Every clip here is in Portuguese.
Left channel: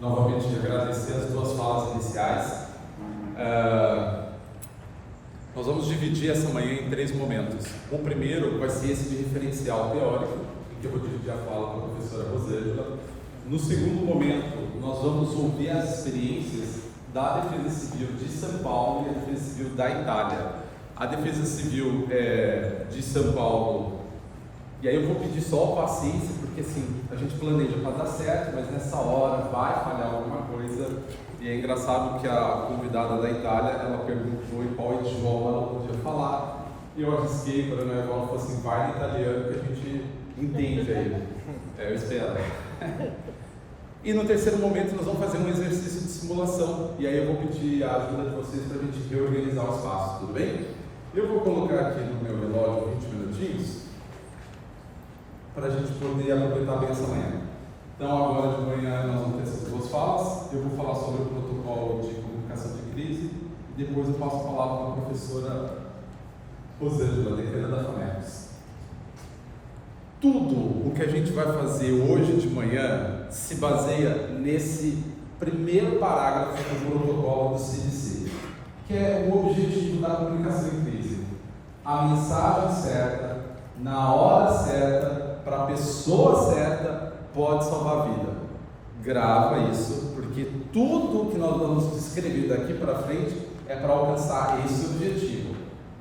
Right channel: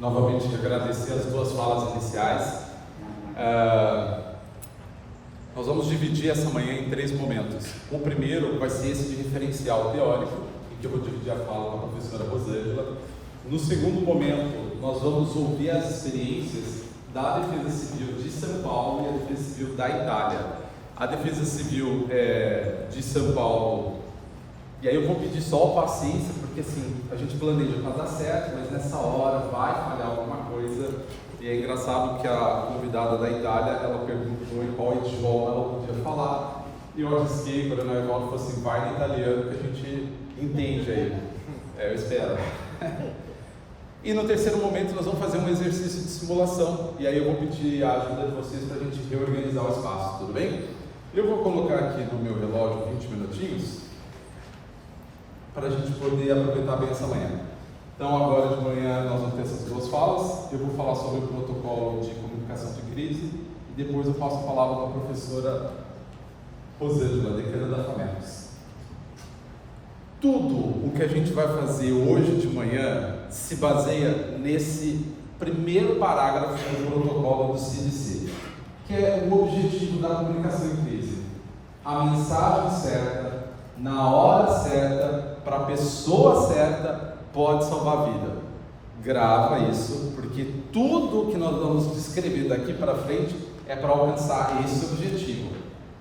novamente agradecer as duas falas iniciais. Nós vamos dividir essa manhã em 3 momentos. O primeiro vai ser esse de referencial teórico, em que eu vou dividir a fala com a professora Rosângela. No segundo momento, nós vamos ouvir as experiências da Defesa Civil de São Paulo e a Defesa Civil da Itália. A Defesa Civil de São Paulo, e aí eu vou pedir só paciência, porque assim, a gente planeja para dar certo, mas nessa hora vai falhar alguma coisa. E é engraçado que a convidada da Itália, ela perguntou em qual idioma ela podia falar, e eu arrisquei, para ela falou assim, vai em italiano que a gente entende aí. Eu espero. E no terceiro momento nós vamos fazer um exercício de simulação, e aí eu vou pedir a ajuda de vocês para a gente reorganizar o espaço, tudo bem? Eu vou colocar aqui no meu relógio 20 minutinhos, para a gente poder aproveitar bem essa manhã. Então agora de manhã nós vamos ter essas 2 falas, eu vou falar sobre o protocolo de comunicação de crise, e depois eu passo a palavra para a professora Rosângela, decana da FAMERS. Tudo o que a gente vai fazer hoje de manhã se baseia nesse primeiro parágrafo do protocolo do CDC, que é o objetivo da comunicação em crise. A mensagem certa, na hora certa, para a pessoa certa, pode salvar a vida. Grava isso, porque tudo que nós vamos descrever daqui para frente é para alcançar esse objetivo.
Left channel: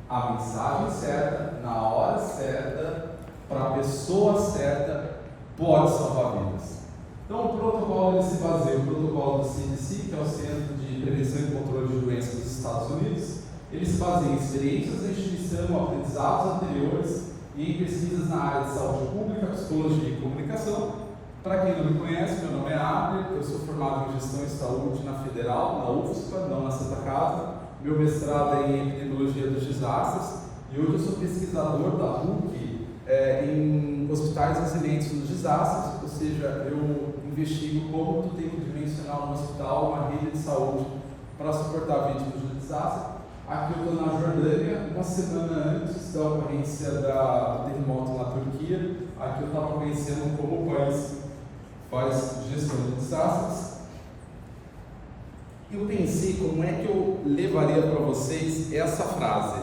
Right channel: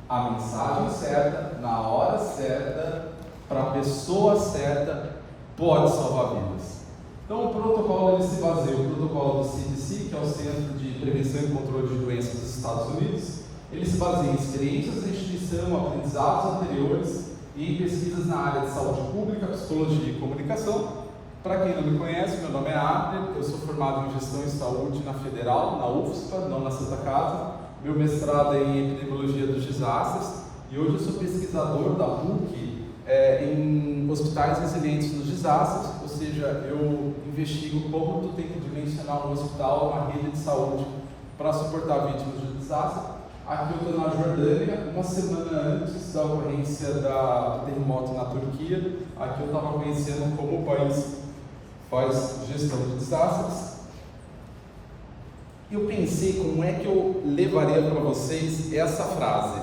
A mensagem certa, na hora certa, para a pessoa certa, pode salvar vidas. Então o protocolo ele se baseia no protocolo do CDC, que é o Centro de Prevenção e Controle de Doenças dos Estados Unidos. Ele se baseia em experiências da instituição, aprendizados anteriores e em pesquisas na área de saúde pública, psicologia e comunicação. Para quem não me conhece, meu nome é Abner, eu sou formado em Gestão e Saúde na Federal, na UFSPA, não na Santa Casa. Meu mestrado é em Epidemiologia dos Desastres e hoje eu sou pesquisador da PUC em hospitais resilientes nos desastres, ou seja, eu investigo como tu tem que dimensionar um hospital, uma rede de saúde para suportar vítimas de desastre. Aqui eu estou na Jordânia, uma semana antes da ocorrência do terremoto na Turquia. Aqui eu estava conhecendo como o país faz gestão de desastres. Eu pensei como é que eu levaria para vocês essa frase,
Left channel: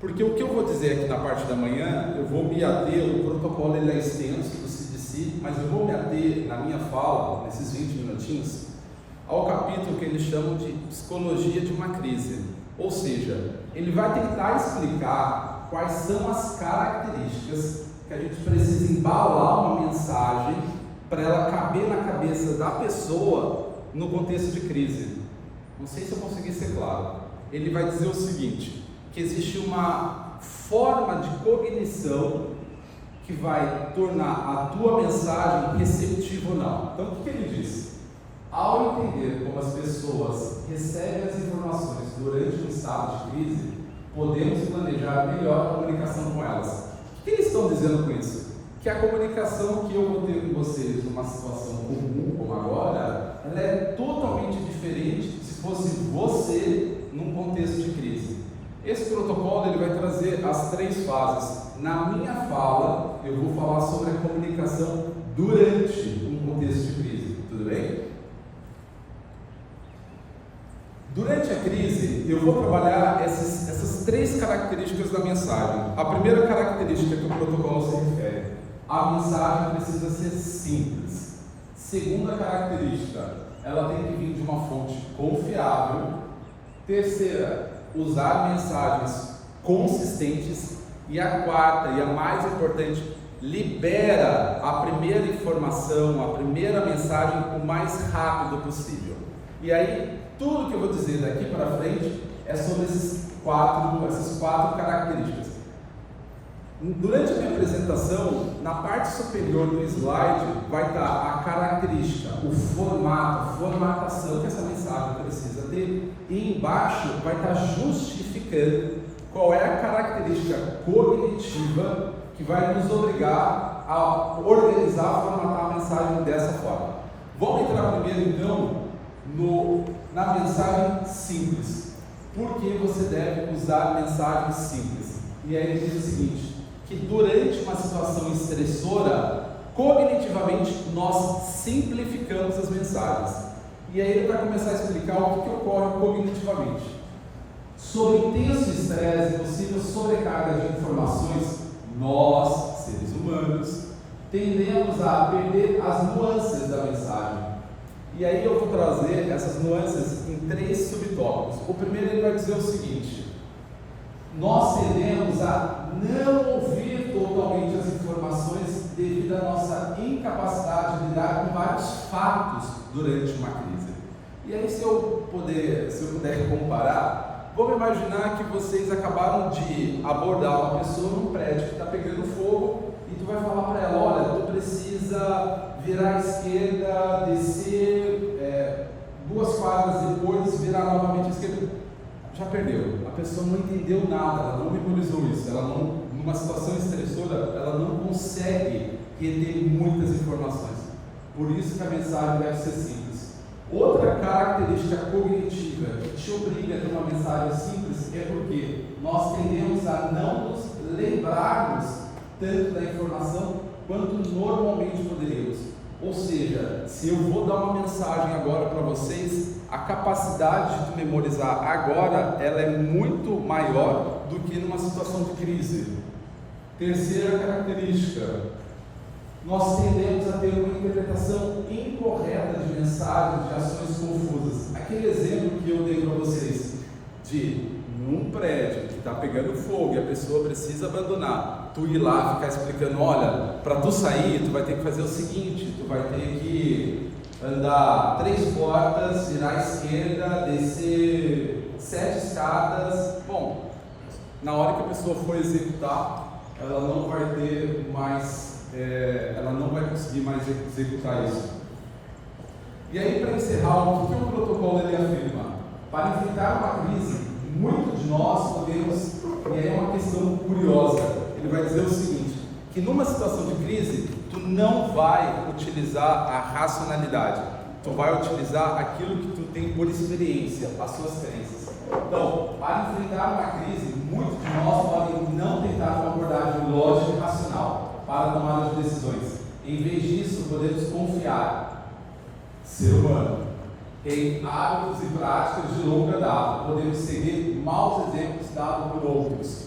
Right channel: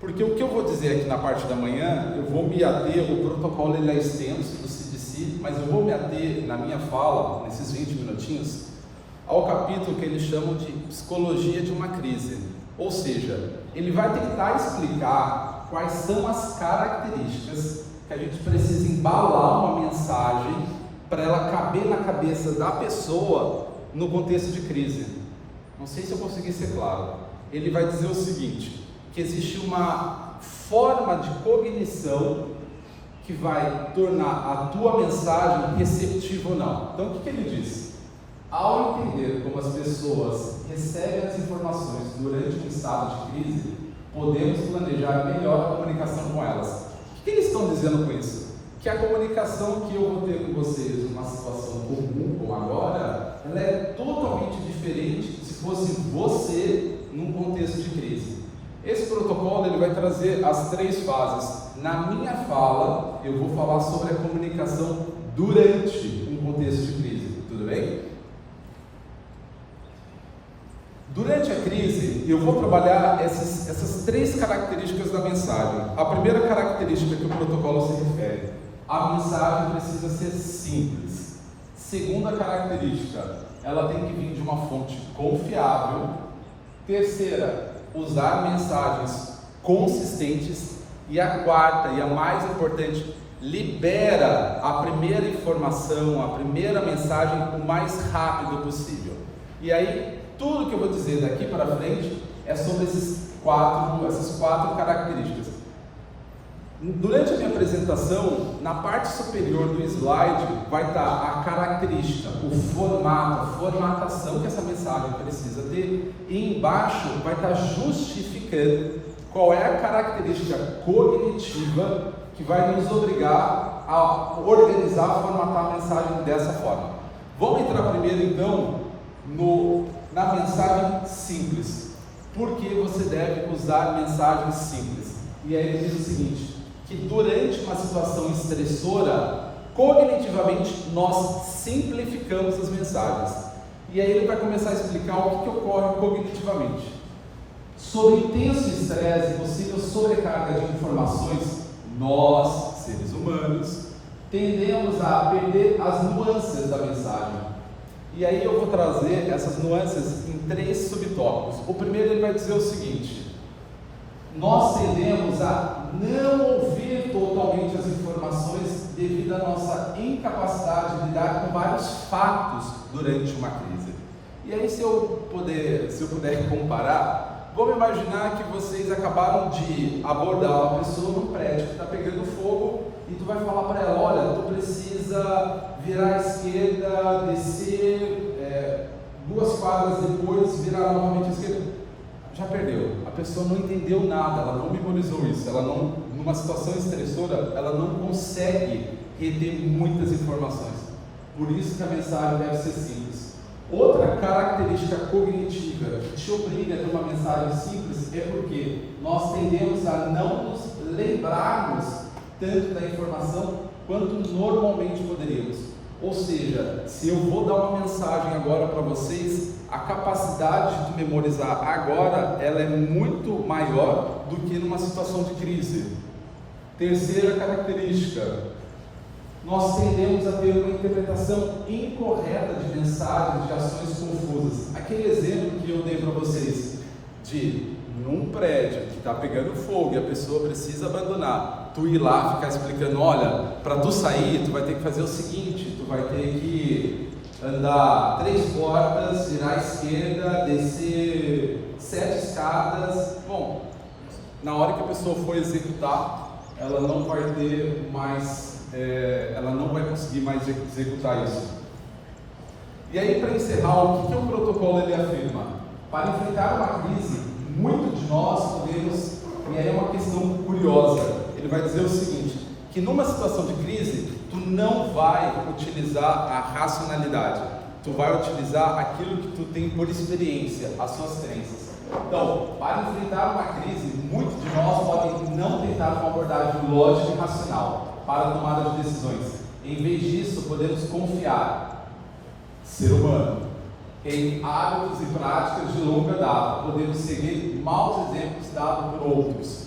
porque o que eu vou dizer aqui na parte da manhã, eu vou me ater, o protocolo ele é extenso do CDC, mas eu vou me ater na minha fala, nesses 20 minutinhos, ao capítulo que eles chamam de Psicologia de uma Crise. Ou seja, ele vai tentar explicar quais são as características que a gente precisa embalar uma mensagem para ela caber na cabeça da pessoa no contexto de crise. Não sei se eu consegui ser claro. Ele vai dizer o seguinte, que existe uma forma de cognição que vai tornar a tua mensagem receptiva ou não. Então o que ele diz? Ao entender como as pessoas recebem as informações durante um estado de crise, podemos planejar melhor a comunicação com elas. O que eles estão dizendo com isso? Que a comunicação que eu vou ter com vocês numa situação comum, como agora, ela é totalmente diferente se fosse você num contexto de crise. Esse protocolo ele vai trazer as 3 fases. Na minha fala, eu vou falar sobre a comunicação durante um contexto de crise, tudo bem? Durante a crise, eu vou trabalhar essas 3 características da mensagem. A primeira característica que o protocolo se refere, a mensagem precisa ser simples. Segunda característica, ela tem que vir de uma fonte confiável. Terceira, usar mensagens consistentes. E a quarta, e a mais importante, libera a primeira informação, a primeira mensagem o mais rápido possível. E aí, tudo que eu vou dizer daqui para frente é sobre essas 4 características. Durante a minha apresentação, na parte superior do slide vai estar a característica, o formato, a formatação que essa mensagem precisa ter, e embaixo vai estar justificando qual é a característica cognitiva que vai nos obrigar a organizar, formatar a mensagem dessa forma. Vamos entrar primeiro então na mensagem simples. Por que você deve usar mensagens simples? E aí ele diz o seguinte, que durante uma situação estressora, Cognitivamente, nós simplificamos as mensagens. E aí ele vai começar a explicar o que ocorre cognitivamente. Sob intenso estresse e possível sobrecarga de informações, nós, seres humanos, tendemos a perder as nuances da mensagem. E aí eu vou trazer essas nuances em 3 subtópicos. O primeiro ele vai dizer o seguinte: nós tendemos a não ouvir totalmente as informações devido à nossa incapacidade de lidar com vários fatos durante uma crise. E aí se eu puder comparar, vamos imaginar que vocês acabaram de abordar uma pessoa num prédio que está pegando fogo e tu vai falar para ela: olha, tu precisa virar à esquerda, descer 2 quadras depois, virar novamente à esquerda. Já perdeu, a pessoa não entendeu nada, ela não memorizou isso, ela não, numa situação estressora, ela não consegue reter muitas informações. Por isso que a mensagem deve ser simples. Outra característica cognitiva que te obriga a ter uma mensagem simples é porque nós tendemos a não nos lembrarmos tanto da informação quanto normalmente poderíamos. Ou seja, se eu vou dar uma mensagem agora para vocês, a capacidade de memorizar agora, ela é muito maior do que numa situação de crise. Terceira característica, nós tendemos a ter uma interpretação incorreta de mensagens, de ações confusas. Aquele exemplo que eu dei para vocês, de num prédio que está pegando fogo e a pessoa precisa abandonar, tu ir lá ficar explicando: olha, para tu sair, tu vai ter que fazer o seguinte, tu vai ter que andar 3 portas, virar à esquerda, descer 7 escadas. Bom, na hora que a pessoa for executar, ela não vai ter mais, ela não vai conseguir mais executar isso. E aí, para encerrar, o que o protocolo ele afirma? Para enfrentar uma crise, muitos de nós podemos, e aí é uma questão curiosa, ele vai dizer o seguinte: que numa situação de crise, tu não vai utilizar a racionalidade, tu vai utilizar aquilo que tu tem por experiência, as suas crenças. Então, para enfrentar uma crise, muitos de nós podem não tentar uma abordagem lógica e racional para a tomada de decisões. Em vez disso, podemos confiar, ser humano, em hábitos e práticas de longa data. Podemos seguir maus exemplos dados por outros.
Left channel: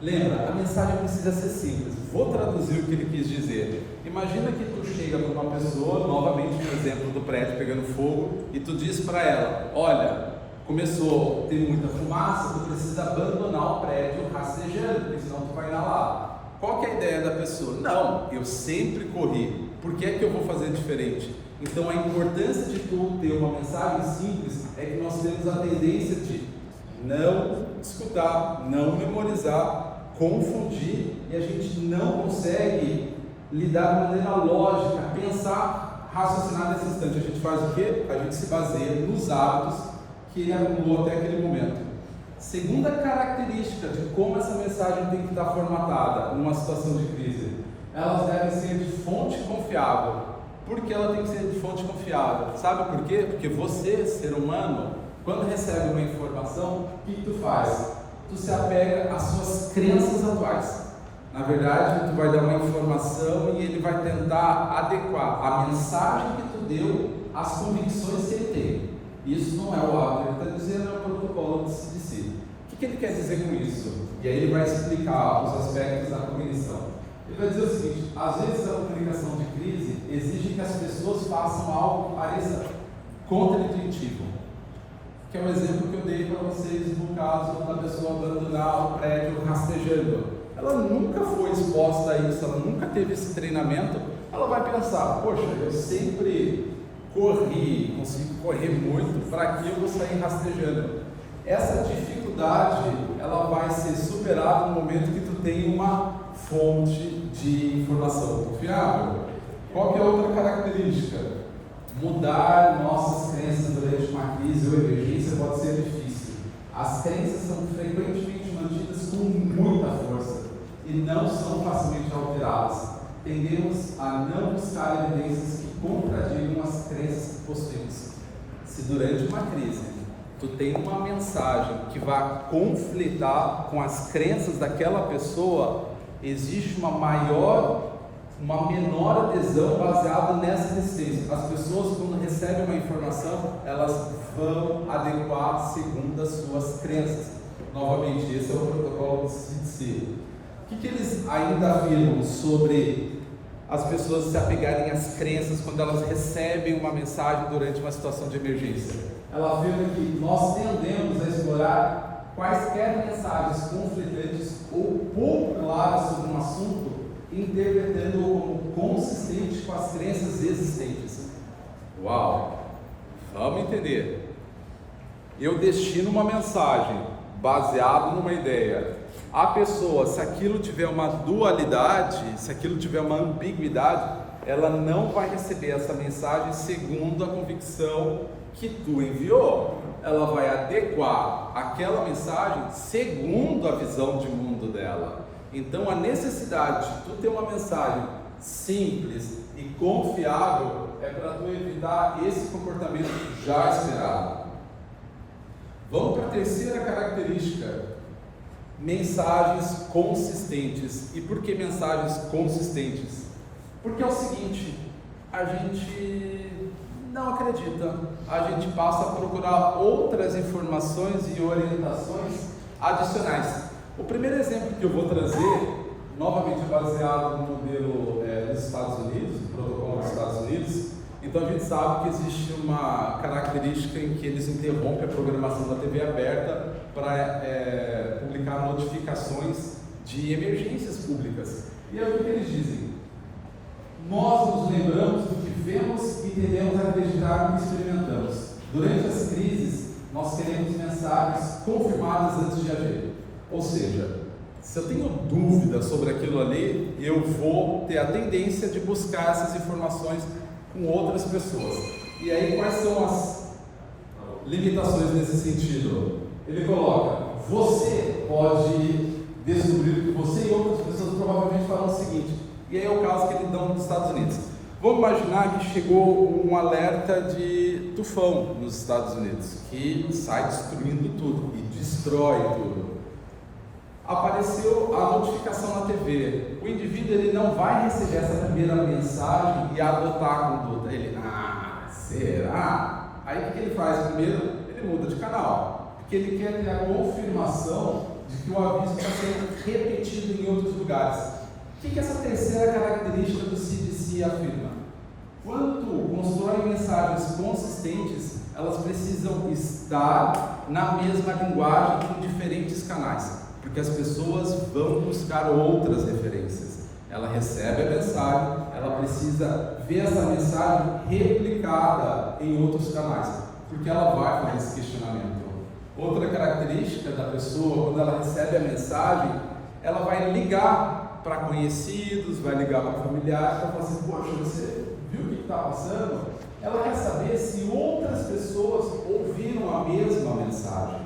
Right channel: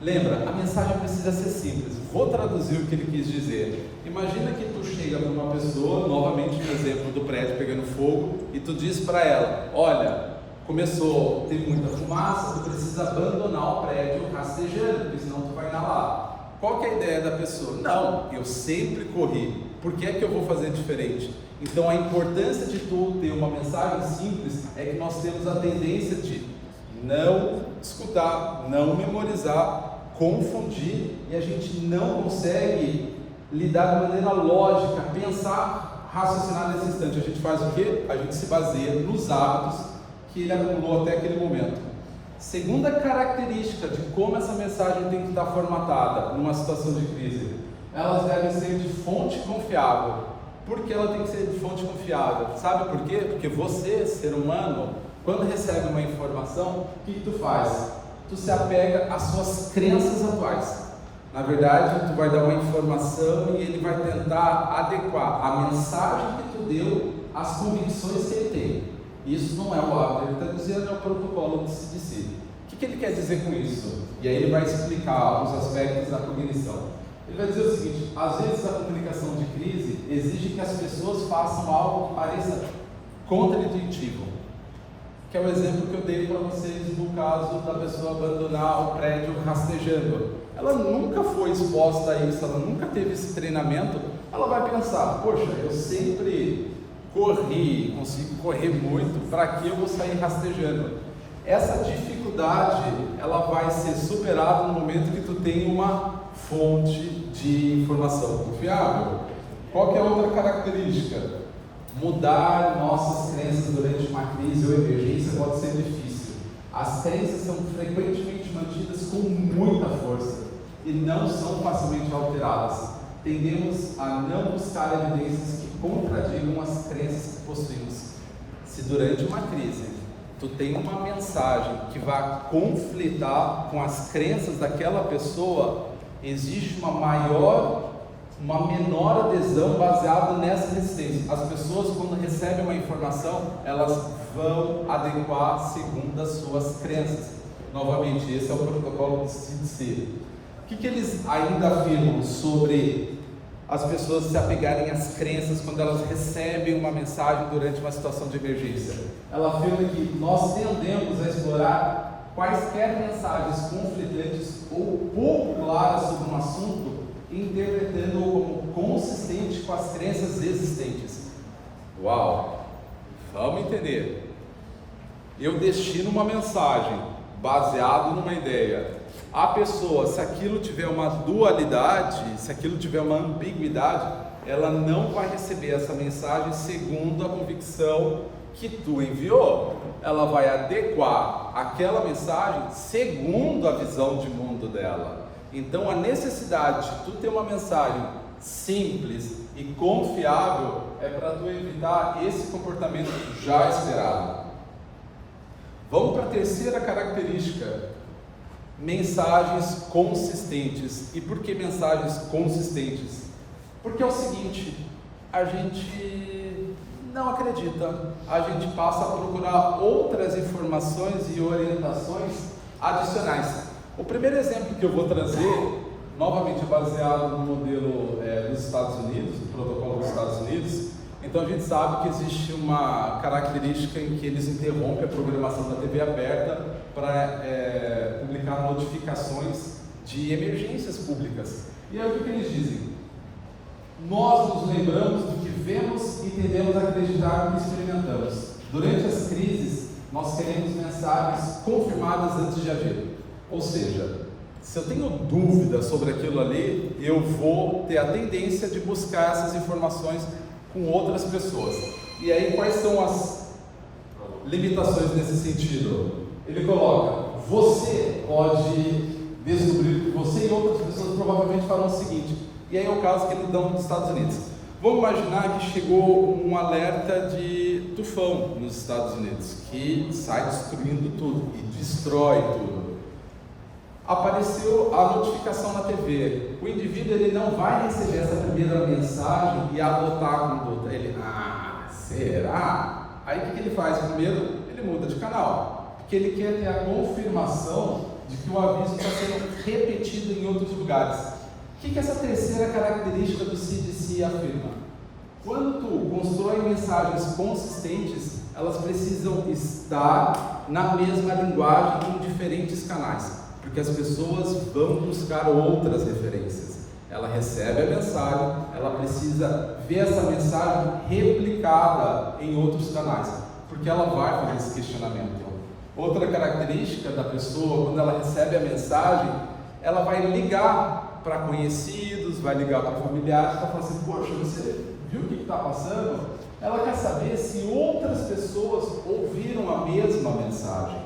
Lembra, a mensagem precisa ser simples. Vou traduzir o que ele quis dizer. Imagina que tu chega para uma pessoa, novamente no exemplo do prédio pegando fogo, e tu diz para ela: olha, começou a ter muita fumaça, tu precisa abandonar o prédio rastejando, porque senão tu vai inalar. Qual que é a ideia da pessoa? Não, eu sempre corri, por que é que eu vou fazer diferente? Então a importância de tu ter uma mensagem simples é que nós temos a tendência de não escutar, não memorizar, confundir, e a gente não consegue lidar de maneira lógica, pensar, raciocinar nesse instante. A gente faz o quê? A gente se baseia nos hábitos que ele acumulou até aquele momento. Segunda característica de como essa mensagem tem que estar formatada numa situação de crise: elas devem ser de fonte confiável. Por que ela tem que ser de fonte confiável? Sabe por quê? Porque você, ser humano, quando recebe uma informação, o que tu faz? Tu se apega às suas crenças atuais. Na verdade, tu vai dar uma informação e ele vai tentar adequar a mensagem que tu deu às convicções que ele tem. Isso não é o hábito, ele está dizendo, é o protocolo do CDC. O que ele quer dizer com isso? E aí ele vai explicar os aspectos da cognição. Ele vai dizer o seguinte: às vezes a comunicação de crise exige que as pessoas façam algo que pareça contra-intuitivo, que é o exemplo que eu dei para vocês no caso da pessoa abandonar o prédio rastejando. Ela nunca foi exposta a isso, ela nunca teve esse treinamento. Ela vai pensar: poxa, eu sempre corri, consegui correr muito, para que eu vou sair rastejando? Essa dificuldade, ela vai ser superada no momento que tu tem uma fonte de informação confiável. Qual que é a outra característica? Mudar nossas crenças durante uma crise ou emergência pode ser difícil. As crenças são frequentemente mantidas com muita força e não são facilmente alteradas. Tendemos a não buscar evidências que contradigam as crenças que possuímos. Se durante uma crise tu tem uma mensagem que vai conflitar com as crenças daquela pessoa, existe uma menor adesão baseada nessa resistência. As pessoas, quando recebem uma informação, elas vão adequar segundo as suas crenças. Novamente, esse é o protocolo do CDC. O que eles ainda afirmam sobre as pessoas se apegarem às crenças quando elas recebem uma mensagem durante uma situação de emergência? Ela afirma que nós tendemos a explorar quaisquer mensagens conflitantes ou pouco claras sobre um assunto, interpretando-o como consistente com as crenças existentes. Uau! Vamos entender. Eu destino uma mensagem baseado numa ideia. A pessoa, se aquilo tiver uma dualidade, se aquilo tiver uma ambiguidade, ela não vai receber essa mensagem segundo a convicção que tu enviou. Ela vai adequar aquela mensagem segundo a visão de mundo dela. Então a necessidade de tu ter uma mensagem simples e confiável é para tu evitar esse comportamento já esperado. Vamos para a terceira característica: mensagens consistentes. E por que mensagens consistentes? Porque é o seguinte, a gente não acredita, a gente passa a procurar outras informações e orientações adicionais. O primeiro exemplo que eu vou trazer, novamente baseado no modelo dos Estados Unidos, do protocolo dos Estados Unidos. Então a gente sabe que existe uma característica em que eles interrompem a programação da TV aberta para publicar notificações de emergências públicas. E aí o que eles dizem? Nós nos lembramos do que vemos e devemos acreditar no que experimentamos. Durante as crises, nós queremos mensagens confirmadas antes de agir. Ou seja, se eu tenho dúvida sobre aquilo ali, eu vou ter a tendência de buscar essas informações com outras pessoas. E aí, quais são as limitações nesse sentido? Ele coloca: você pode descobrir, você e outras pessoas provavelmente farão o seguinte. E aí é o caso que ele dá nos Estados Unidos. Vamos imaginar que chegou um alerta de tufão nos Estados Unidos, que sai destruindo tudo e destrói tudo. Apareceu a notificação na TV. O indivíduo ele não vai receber essa primeira mensagem e adotar a conduta. Ele, será? Aí o que ele faz? Primeiro, ele muda de canal, porque ele quer ter a confirmação de que o aviso está sendo repetido em outros lugares. O que essa terceira característica do CDC afirma? Quando tu constrói mensagens consistentes, elas precisam estar na mesma linguagem em diferentes canais, porque as pessoas vão buscar outras referências. Ela recebe a mensagem, ela precisa ver essa mensagem replicada em outros canais, porque ela vai fazer esse questionamento. Outra característica da pessoa, quando ela recebe a mensagem, ela vai ligar para conhecidos, vai ligar para familiares, para falar assim: poxa, você viu o que está passando? Ela quer saber se outras pessoas ouviram a mesma mensagem.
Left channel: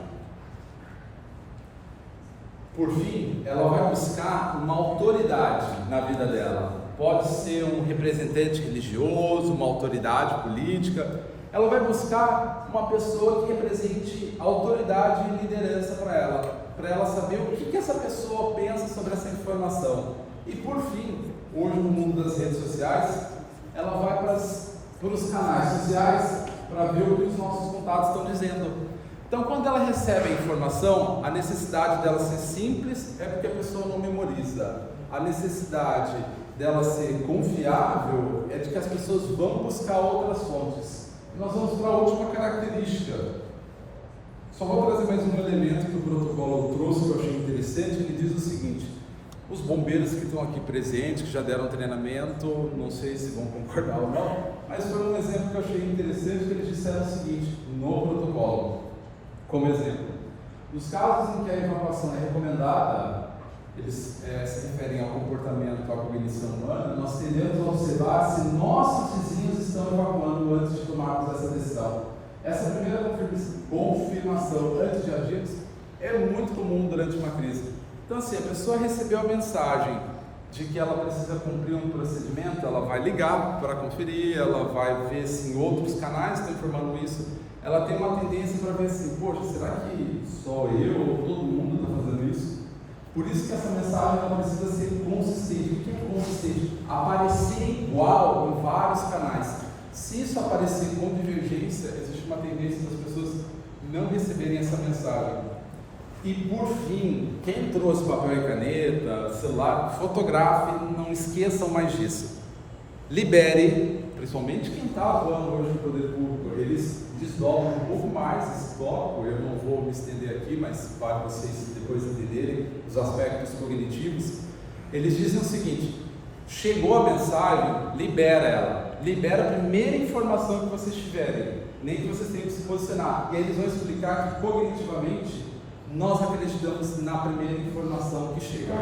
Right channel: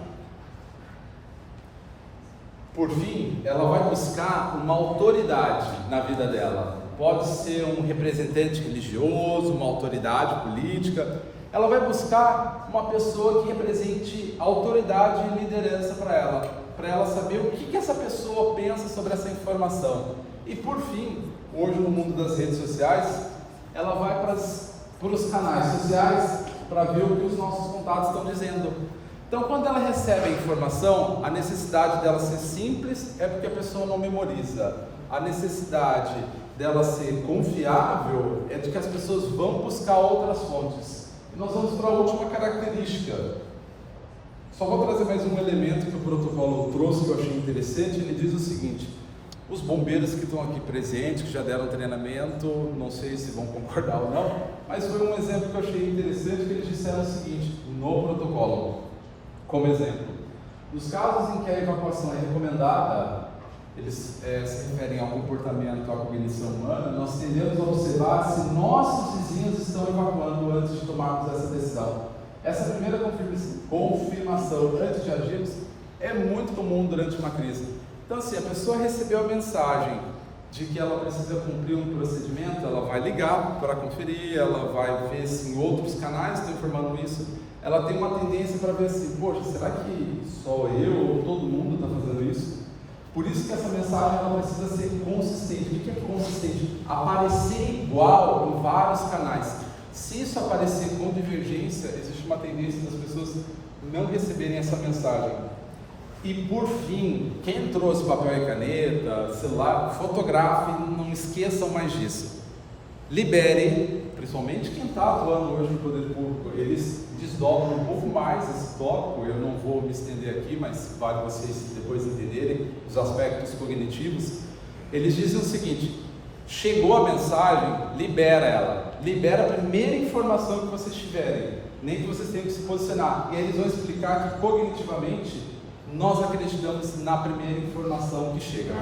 Por fim, ela vai buscar uma autoridade na vida dela. Pode ser um representante religioso, uma autoridade política. Ela vai buscar uma pessoa que represente autoridade e liderança para ela saber o que essa pessoa pensa sobre essa informação. E por fim, hoje no mundo das redes sociais, ela vai para os canais sociais para ver o que os nossos contatos estão dizendo. Então, quando ela recebe a informação, a necessidade dela ser simples é porque a pessoa não memoriza. A necessidade dela ser confiável é de que as pessoas vão buscar outras fontes. E nós vamos para a última característica. Só vou trazer mais um elemento que o protocolo trouxe, que eu achei interessante. Ele diz o seguinte: os bombeiros que estão aqui presentes, que já deram treinamento, não sei se vão concordar ou não, mas foi um exemplo que eu achei interessante, que eles disseram o seguinte, no protocolo, como exemplo: nos casos em que a evacuação é recomendada, eles se referem ao comportamento, à cognição humana, nós tendemos a observar se nossos vizinhos estão evacuando antes de tomarmos essa decisão. Essa primeira confirmação antes de agirmos é muito comum durante uma crise. Então, assim, a pessoa recebeu a mensagem de que ela precisa cumprir um procedimento, ela vai ligar para conferir, ela vai ver se em outros canais estão informando isso. Ela tem uma tendência para ver assim: poxa, será que só eu ou todo mundo está fazendo isso? Por isso que essa mensagem ela precisa ser consistente. O que é consistente? Aparecer igual em vários canais. Se isso aparecer com divergência, existe uma tendência das pessoas não receberem essa mensagem. E por fim, quem trouxe papel e caneta, celular, fotografe, não esqueçam mais disso. Libere, principalmente quem está atuando hoje no poder público, eles desdobram um pouco mais esse tópico, eu não vou me estender aqui, mas vale vocês depois entenderem os aspectos cognitivos. Eles dizem o seguinte: chegou a mensagem, libera ela, libera a primeira informação que vocês tiverem, nem que vocês tenham que se posicionar, e aí eles vão explicar que cognitivamente nós acreditamos na primeira informação que chega.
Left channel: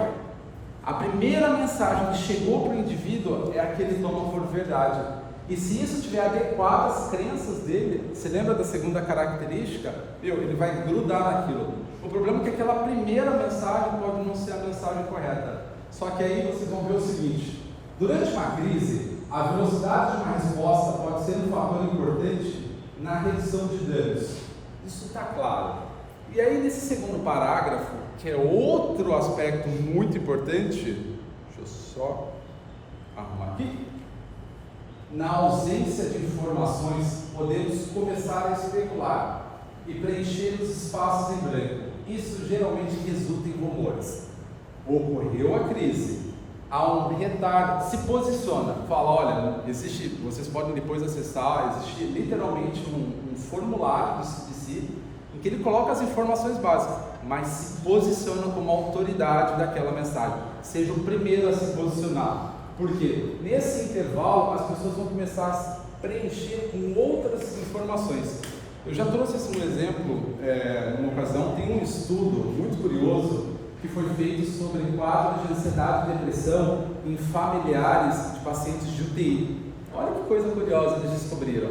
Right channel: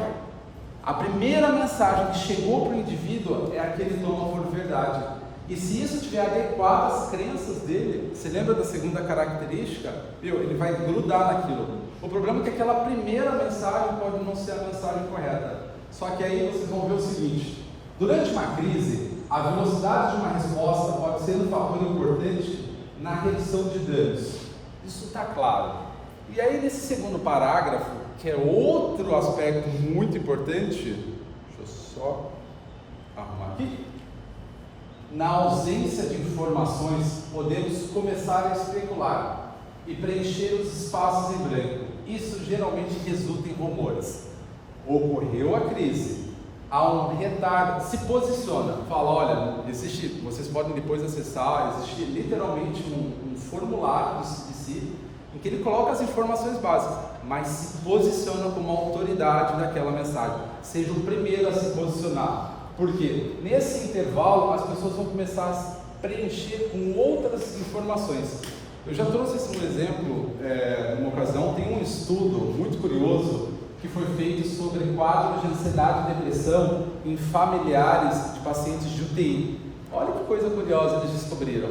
A primeira mensagem que chegou para o indivíduo é a que ele toma por verdade. E se isso estiver adequado às crenças dele, você lembra da segunda característica? Ele vai grudar naquilo. O problema é que aquela primeira mensagem pode não ser a mensagem correta. Só que aí vocês vão ver o seguinte: durante uma crise, a velocidade de uma resposta pode ser um fator importante na redução de danos. Isso está claro. E aí nesse segundo parágrafo, que é outro aspecto muito importante, deixa eu só arrumar aqui. Na ausência de informações, podemos começar a especular e preencher os espaços em branco. Isso geralmente resulta em rumores. Ocorreu a crise, há um retardo, se posiciona, fala, olha, existe, vocês podem depois acessar, existe literalmente um formulário do CDC, em que ele coloca as informações básicas, mas se posiciona como autoridade daquela mensagem. Seja o primeiro a se posicionar. Porque nesse intervalo as pessoas vão começar a preencher com outras informações. Eu já trouxe esse um exemplo numa ocasião. Tem um estudo muito curioso que foi feito sobre quadros de ansiedade e depressão em familiares de pacientes de UTI. Olha que coisa curiosa eles descobriram.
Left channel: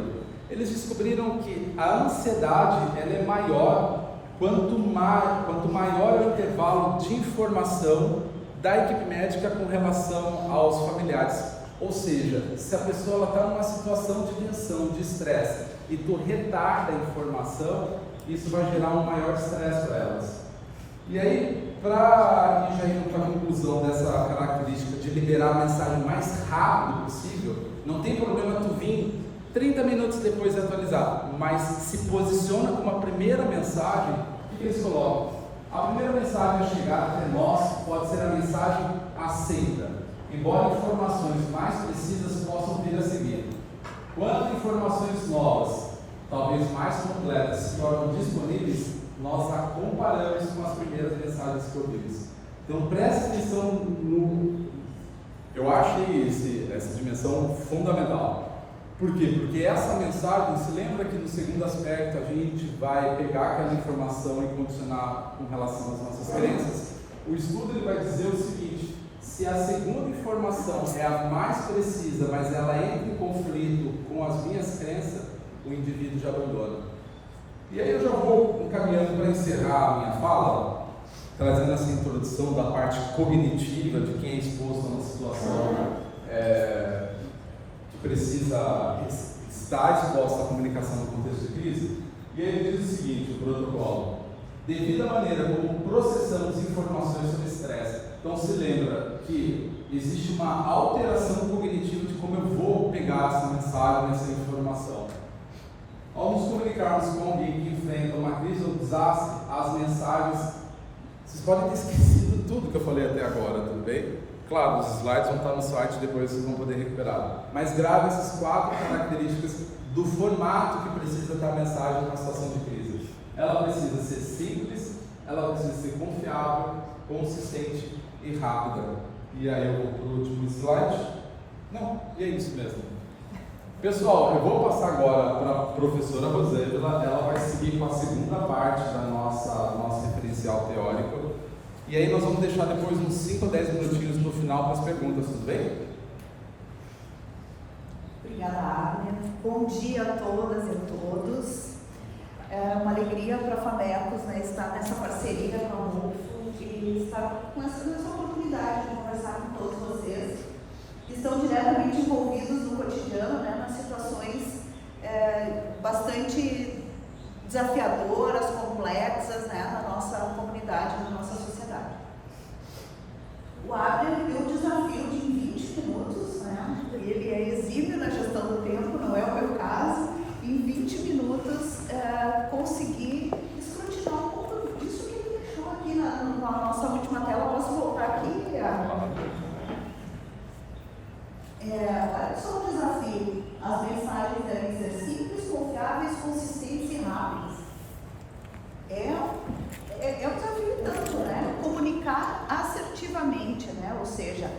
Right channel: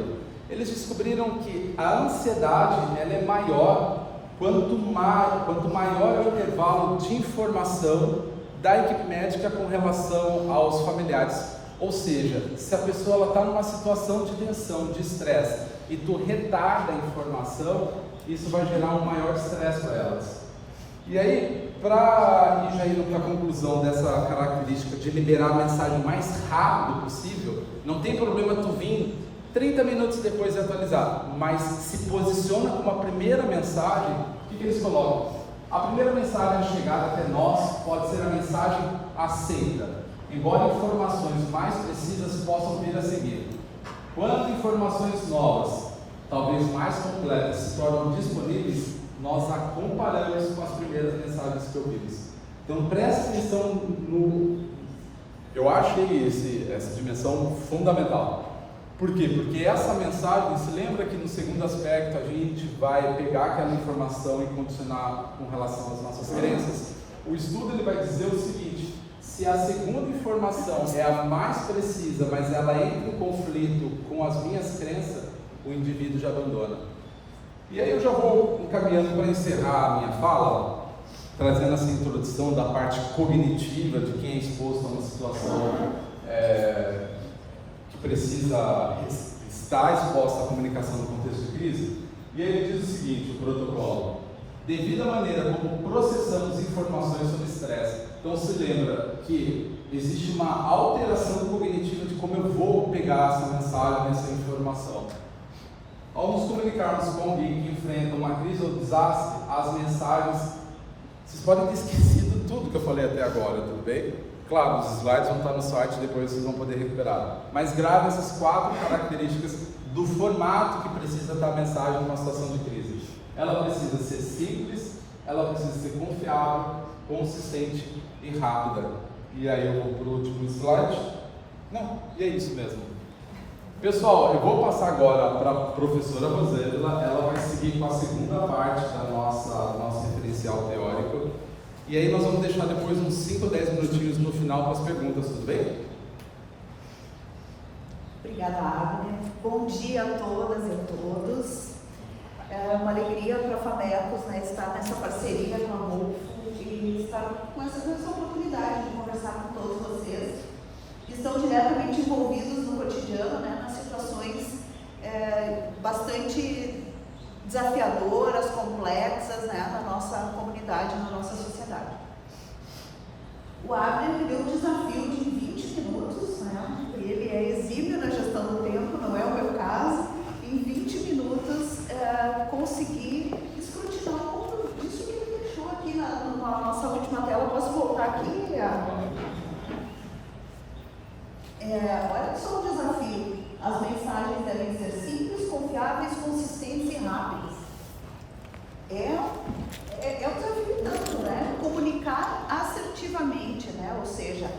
Eles descobriram que a ansiedade ela é maior quanto maior é o intervalo de informação da equipe médica com relação aos familiares. Ou seja, se a pessoa está numa situação de tensão, de estresse, e tu retarda a informação, isso vai gerar um maior estresse para elas. E aí, para ir já indo para a conclusão dessa característica de liberar a mensagem o mais rápido possível, não tem problema tu vir 30 minutos depois de atualizar, mas se posiciona como a primeira mensagem. O que eles colocam? A primeira mensagem a chegar até nós pode ser a mensagem aceita, embora informações mais precisas possam vir a seguir. Quando informações novas, talvez mais completas, se tornam disponíveis, nós a comparamos com as primeiras mensagens que ouvimos. Então preste atenção no... Eu achei essa dimensão fundamental. Por quê? Porque essa mensagem, se lembra que no segundo aspecto a gente vai pegar aquela informação e condicionar com relação às nossas crenças. O estudo ele vai dizer o seguinte: se a segunda informação é a mais precisa, mas ela entra em conflito com as minhas crenças, o indivíduo já abandona. E aí eu já vou encaminhando para encerrar a minha fala, trazendo essa introdução da parte cognitiva de quem é exposto a uma situação precisa estar exposta à comunicação no contexto de crise. E aí ele diz o seguinte, o protocolo: devido à maneira como processamos informações sobre estresse. Então se lembra que existe uma alteração cognitiva de como eu vou pegar essa mensagem, essa informação. Ao nos comunicarmos com alguém que enfrenta uma crise ou desastre, as mensagens, vocês podem ter esquecido tudo que eu falei até agora, tudo bem? Claro, os slides vão estar no site, depois vocês vão poder recuperar. Mas grave essas 4 características do formato que precisa dar a mensagem numa situação de crise. Ela precisa ser simples, ela precisa ser confiável, consistente e rápida. E aí eu vou para o último slide. Não, e é isso mesmo. Pessoal, eu vou passar agora para a professora Rosângela. Ela vai seguir com a segunda parte da nosso referencial teórico. E aí nós vamos deixar depois uns 5 ou 10 minutinhos no final para as perguntas, tudo bem? Obrigada, Agnes. Bom dia a todas e a todos. É uma alegria para a FAMECOS, né, estar nessa parceria com a Rufo e estar com essa oportunidade de conversar com todos vocês que estão diretamente envolvidos no cotidiano, né, nas situações bastante desafiadoras, complexas, né, na nossa comunidade, na nossa sociedade. O Abner deu o desafio de em 20 minutos, né? Ele é exímio na gestão do tempo, não é o meu caso, em 20 minutos conseguir escrutinar um pouco disso que ele deixou aqui na nossa última tela. Posso voltar aqui? Só um desafio. As mensagens devem ser simples, confiáveis, consistentes e rápidas. É um desafio tanto, né? Comunicar assertivamente, né? Ou seja,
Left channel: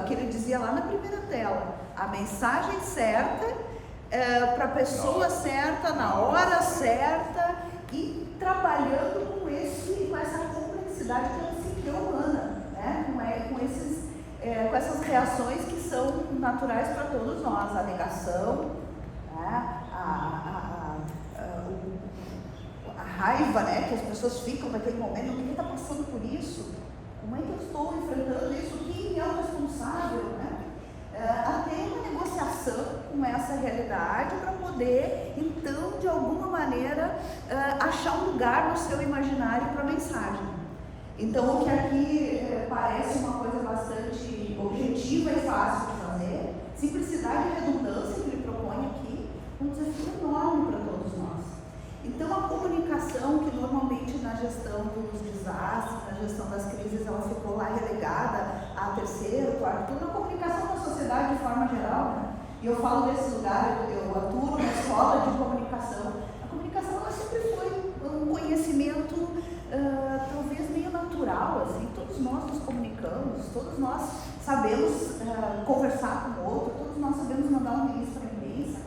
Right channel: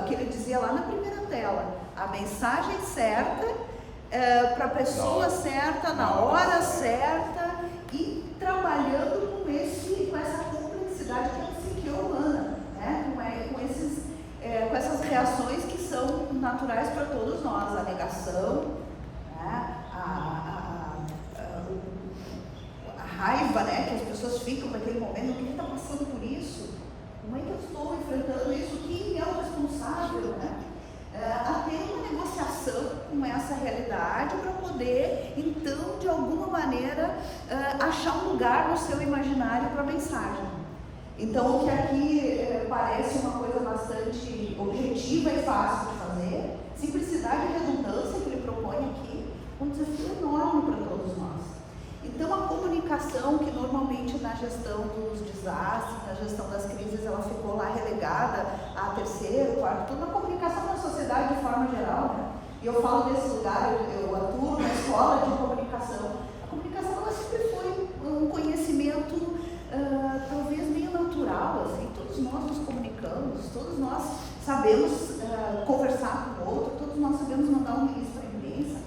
o que ele dizia lá na primeira tela, a mensagem certa, para a pessoa certa, na hora certa, e trabalhando com essa complexidade que é a psique humana, né? Com essas reações que são naturais para todos nós, a negação, né? A raiva, né? Que as pessoas ficam naquele momento, quem está passando por isso? Como é que eu estou enfrentando isso? Quem é o responsável, né? Até uma negociação com essa realidade para poder, então, de alguma maneira, achar um lugar no seu imaginário para a mensagem. Então, o que aqui parece uma coisa bastante objetiva e fácil de fazer, simplicidade e redundância que ele propõe aqui, um desafio enorme para todos nós. Então, a comunicação, que normalmente na gestão dos desastres, na gestão das crises, ela ficou lá relegada a terceiro, quarto turno, a comunicação na sociedade de forma geral, né? E eu falo desse lugar, eu atuo na escola de comunicação. A comunicação, ela sempre foi um conhecimento, talvez meio natural, assim, todos nós nos comunicamos, todos nós sabemos conversar com o outro, todos nós sabemos mandar um e-mail para a imprensa.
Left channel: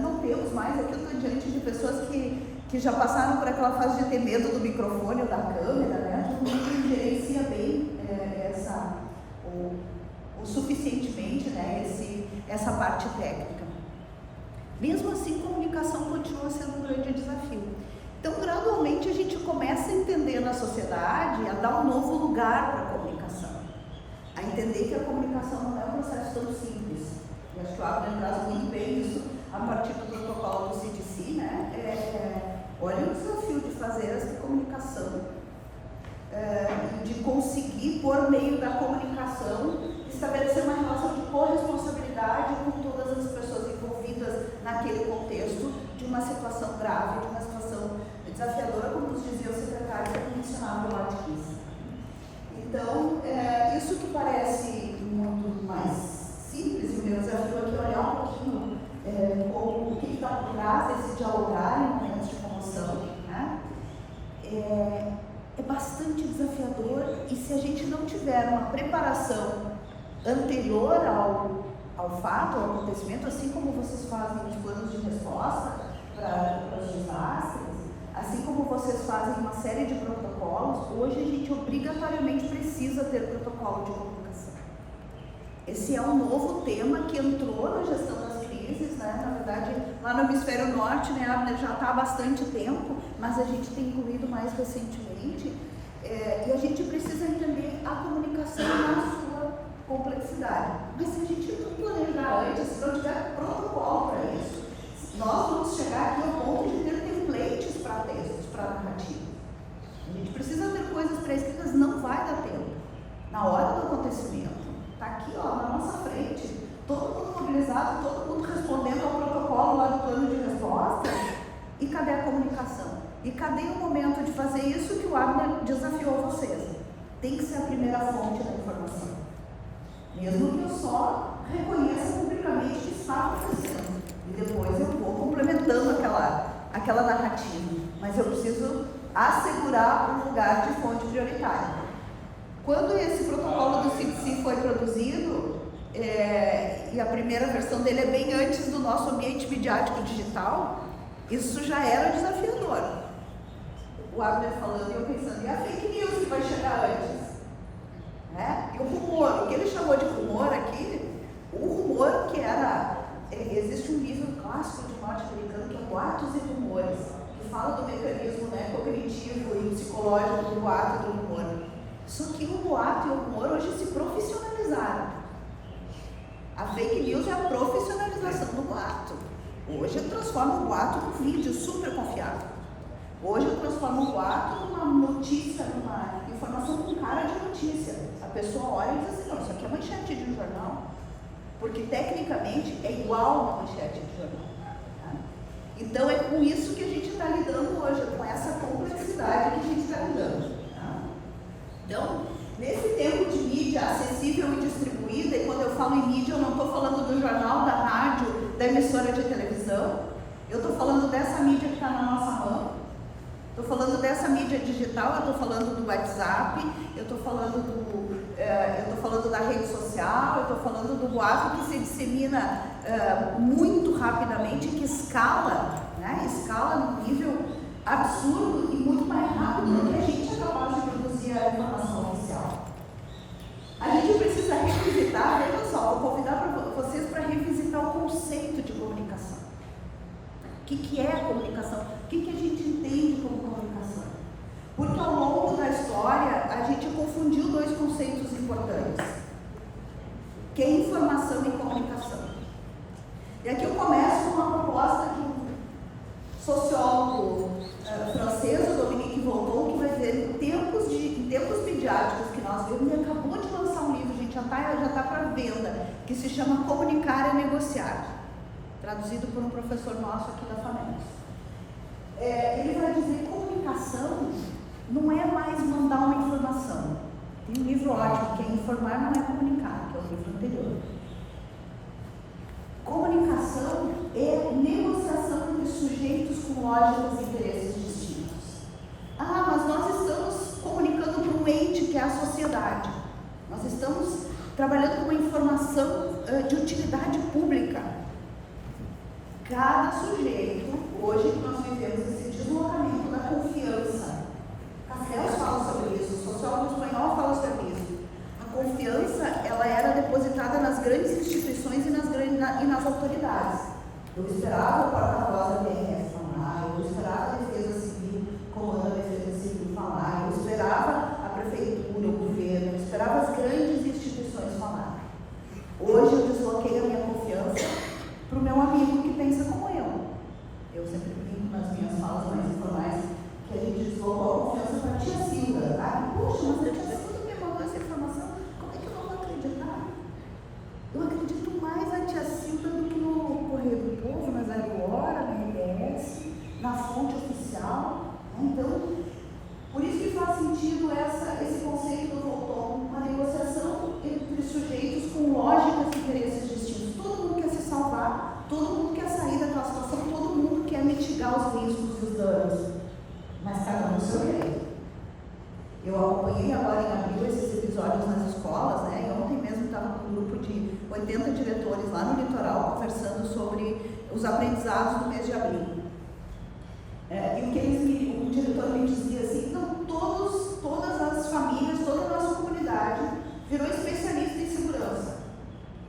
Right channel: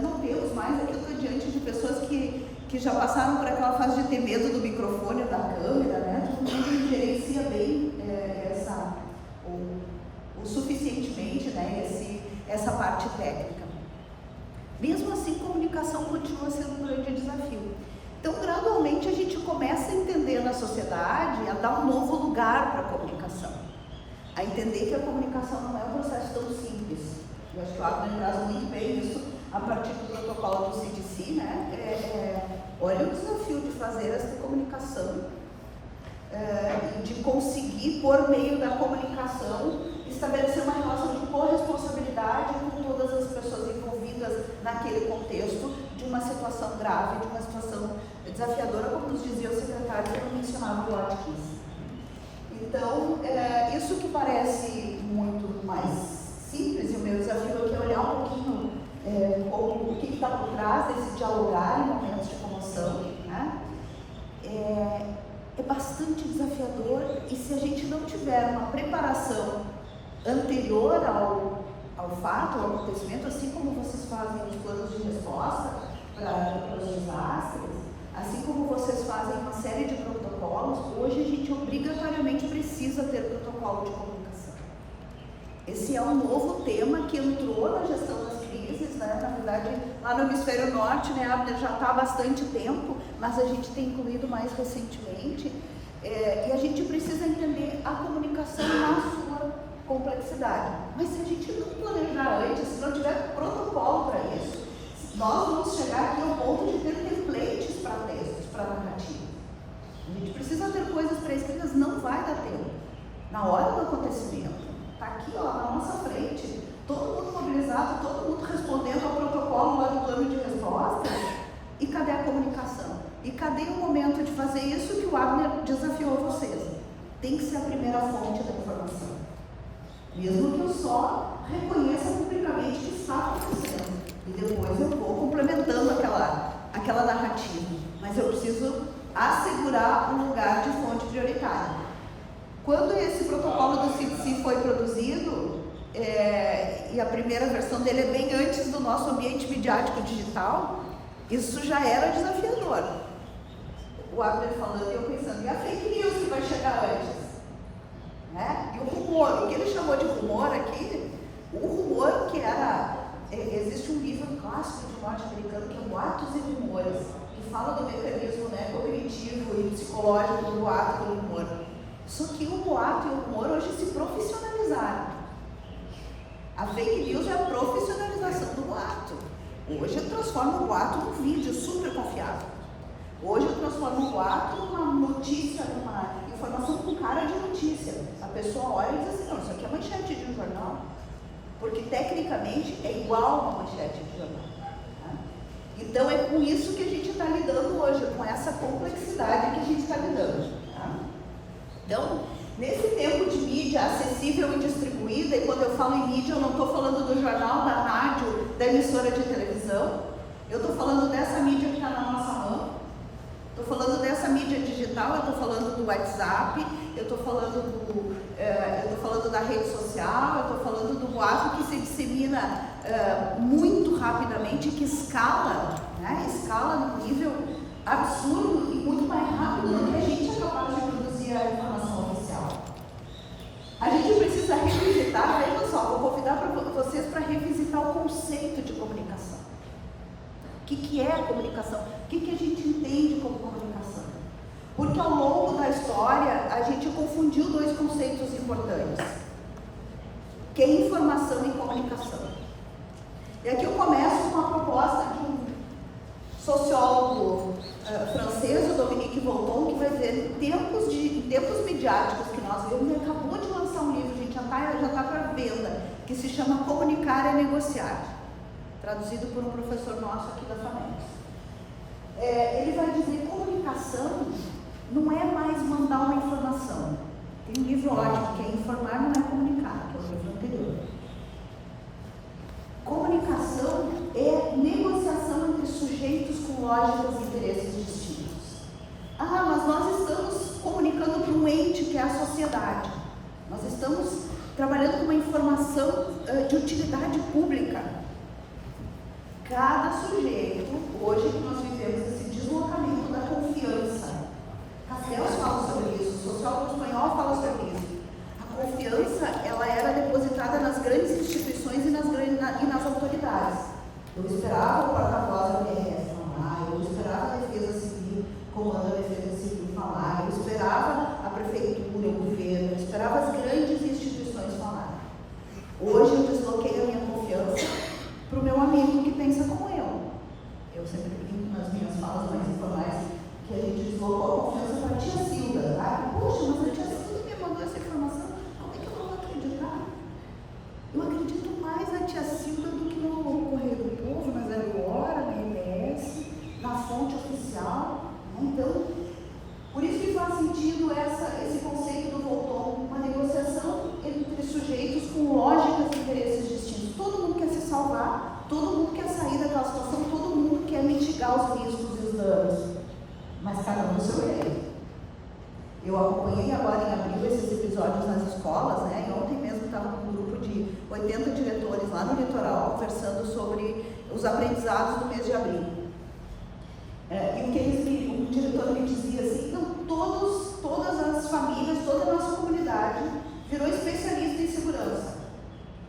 Não temos mais, aqui eu estou diante de pessoas que já passaram por aquela fase de ter medo do microfone ou da câmera, né? Todo mundo gerencia bem o suficientemente, né? Essa parte técnica. Mesmo assim, comunicação continua sendo um grande desafio. Então, gradualmente, a gente começa a entender na sociedade, a dar um novo lugar para a comunicação. A entender que a comunicação não é um processo tão simples. Eu acho que o Abner traz muito bem isso a partir do protocolo do CDC, né? Olha o desafio de fazer essa comunicação, de conseguir, por meio da comunicação, estabelecer uma relação de corresponsabilidade com todas as pessoas envolvidas naquele contexto de uma situação grave, de uma situação desafiadora, como nos dizia o secretário que mencionava o Watkins. Então, isso que parece muito mais simples, e o meu desafio aqui é olhar um pouquinho o que está por trás desse dialogar em momentos de comoção, né? É bastante desafiador, e se a gente não tiver uma preparação anterior ao fato, ao acontecimento, assim como vocês fazem os planos de resposta para os desastres, assim como vocês fazem uma série de protocolos, hoje a gente obrigatoriamente precisa ter protocolo de comunicação. Esse é um novo tema que entrou na gestão das crises, né? Na verdade, lá no hemisfério norte, né, Abner, já está há bastante tempo, mas a gente tem incluído mais recentemente, e a gente precisa entender a comunicação na sua complexidade. Mas se a gente não planejar antes, se não tiver protocolo para isso, nós vamos chegar aqui ao ponto de ter templates para textos, para narrativas. A gente precisa ter coisas pré-escritas, não vai dar tempo. Na hora do acontecimento, está aqui, ó, na nossa frente, todo mundo mobilizado, todo mundo respondendo ao protocolo lá do plano de resposta. E cadê a comunicação? E cadê o momento de fazer isso que o Abner desafiou vocês? Tem que ser a primeira fonte da informação. Mesmo que eu só reconheça publicamente que está acontecendo. E depois eu vou complementando aquela narrativa. Mas eu preciso assegurar um lugar de fonte prioritária. Quando esse protocolo do CDC foi produzido, e a primeira versão dele é bem antes do nosso ambiente midiático digital, isso já era desafiador. O Abner falando e eu pensando, e a fake news que vai chegar antes? E o rumor, o que ele chamou de rumor aqui, o rumor que era, existe um livro clássico de norte-americano que é Boatos e Rumores, que fala do mecanismo, né, cognitivo e psicológico do boato e do rumor. Só que o boato e o rumor hoje se profissionalizaram. A fake news é a profissionalização do boato. Hoje transforma o boato num vídeo super confiável. Hoje eu transformo um boato numa notícia, numa informação com cara de notícia. A pessoa olha e diz assim, não, isso aqui é manchete de um jornal. Porque tecnicamente é igual uma manchete de jornal. Tá? Então é com isso que a gente está lidando hoje, com essa complexidade que a gente está lidando. Tá? Então, nesse tempo de mídia acessível e distribuída, e quando eu falo em mídia, eu não estou falando do jornal, da rádio, da emissora de televisão, eu estou falando dessa mídia que está na nossa mão, estou falando dessa mídia digital, eu estou falando do WhatsApp, eu estou falando da rede social, eu estou falando do boato que se dissemina muito rapidamente, que escala, né? Escala num nível absurdo e muito mais rápido do que a gente é capaz de produzir a informação oficial. A gente precisa revisitar, veja só, vou convidar vocês para revisitar o conceito de comunicação. O que é a comunicação? O que a gente entende como comunicação? Porque ao longo da história a gente confundiu dois conceitos importantes, que é informação e comunicação. E aqui eu começo com uma proposta de um sociólogo francês, o Dominique Vauban, que vai dizer, em tempos midiáticos que nós vemos, ele acabou de lançar um livro, gente, já está para venda, que se chama Comunicar e Negociar, traduzido por um professor nosso aqui da FAMEC. Ele vai dizer que comunicação não é mais mandar uma informação. Tem um livro ótimo, que é Informar Não É Comunicar, que é o livro anterior. Comunicação é negociação entre sujeitos com lógicas e interesses distintos. Mas nós estamos comunicando para um ente que é a sociedade. Nós estamos trabalhando com uma informação de utilidade pública. Cada sujeito, hoje que nós vivemos esse deslocamento da confiança, Castells fala sobre isso, o sociólogo espanhol fala sobre isso. A confiança, ela era depositada nas grandes instituições e nas autoridades. Eu esperava o porta-voz da PRF falar, eu esperava a Defesa Civil, comando da Defesa Civil falar, eu esperava a prefeitura, o governo, eu esperava as grandes instituições falar. Hoje eu desloquei a minha confiança para o meu amigo que pensa como eu. Eu sempre brinco nas minhas falas mais informais que a gente deslocou a confiança para a tia Silda. Poxa, mas a tia Silda me mandou essa informação, como é que eu não vou acreditar? Eu acredito mais na tia Silda do que no Correio do Povo, na Zero Hora, na RBS, na fonte oficial. Então, por isso que faz sentido esse conceito do Volton, uma negociação entre sujeitos com lógicas e interesses distintos. Todo mundo quer se salvar, todo mundo quer sair daquela situação, todo mundo quer mitigar os riscos e os danos, mas cada um no seu jeito. Eu acompanhei agora em abril esses episódios nas escolas, né? E ontem mesmo estava com um grupo de 80 diretores lá no litoral conversando sobre os aprendizados do mês de abril. E o diretor me dizia assim, não, todas as famílias, toda a nossa comunidade virou especialista em segurança.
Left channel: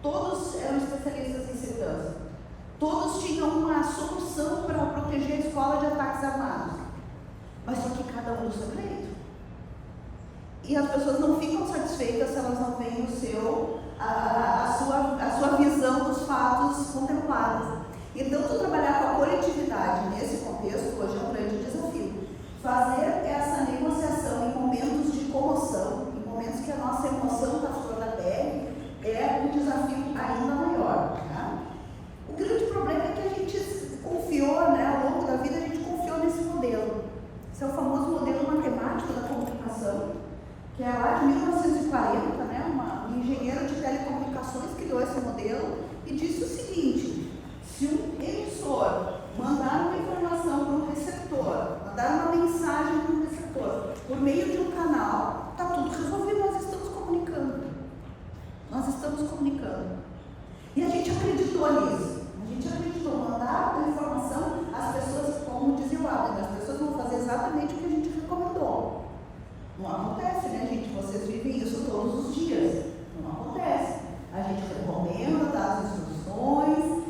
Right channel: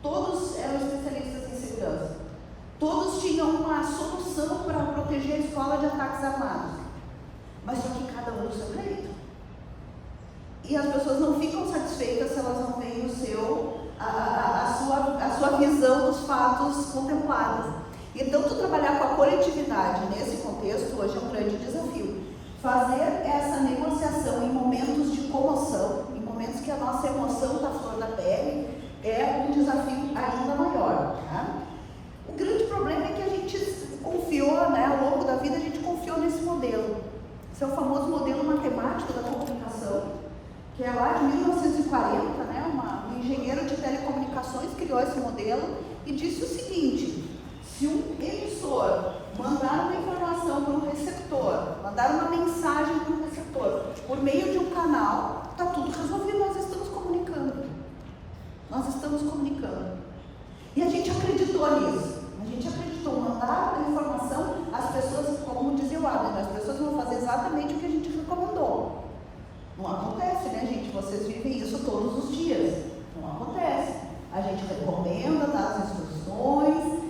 Todos eram especialistas em segurança. Todos tinham uma solução para proteger a escola de ataques armados. Mas só que cada um no seu jeito. E as pessoas não ficam satisfeitas se elas não veem a sua visão dos fatos contemplados. Então, tu trabalhar com a coletividade nesse contexto hoje é um grande desafio. Fazer essa negociação em momentos de comoção, em momentos que a nossa emoção está fora da pele, é um desafio ainda maior. Né? O grande problema é que a gente confiou, né, ao longo da vida, a gente confiou nesse modelo. Esse é o famoso modelo matemático da comunicação, que é lá de 1940, né, um engenheiro de telecomunicações criou esse modelo e disse o seguinte: se um emissor mandar uma informação para um receptor, mandar uma mensagem para um receptor, por meio de um canal, está tudo resolvido, nós estamos comunicando. Nós estamos comunicando. E a gente acreditou nisso. A gente acreditou, mandar a informação, as pessoas, como dizia o Abner, as pessoas vão fazer exatamente o que a gente recomendou. Não acontece, né, gente? Vocês vivem isso todos os dias. Não acontece. A gente recomenda, dá as instruções.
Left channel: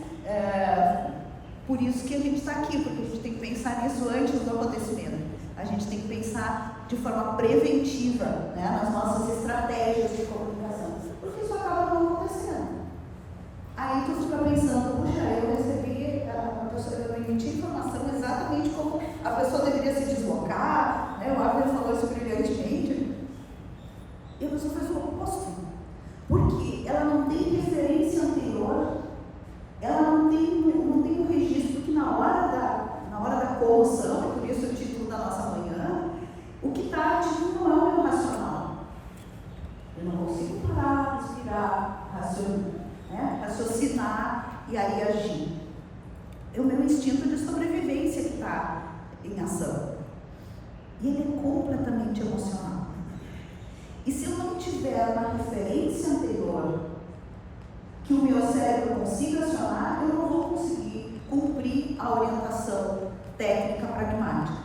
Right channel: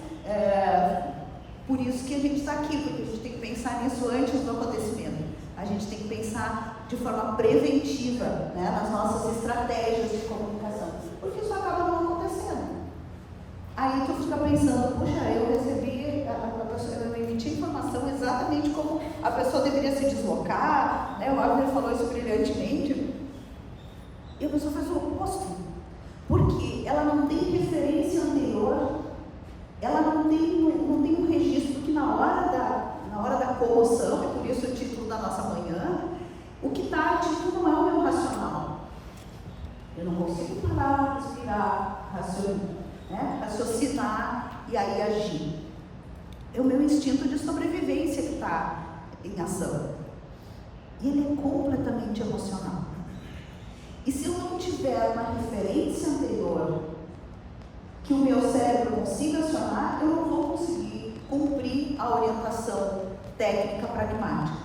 Por isso que a gente está aqui, porque a gente tem que pensar nisso antes do acontecimento. A gente tem que pensar de forma preventiva, né, nas nossas estratégias de comunicação, porque isso acaba não acontecendo. Aí tu fica pensando, puxa, eu recebi, a professora me emitiu informação exatamente como a pessoa deveria se deslocar, né? O Abner falou isso brilhantemente, e a pessoa faz o oposto, porque ela não tem referência anterior, ela não tem um registro que na hora da comoção, por isso o título da nossa manhã, o que está ativo não é o meu racional. Eu não consigo parar, respirar, raciocinar e aí agir. É o meu instinto de sobrevivência que está em ação. E ele é completamente emocional. E se eu não tiver uma referência anterior que o meu cérebro consiga acionar, eu não vou conseguir cumprir a orientação técnica pragmática.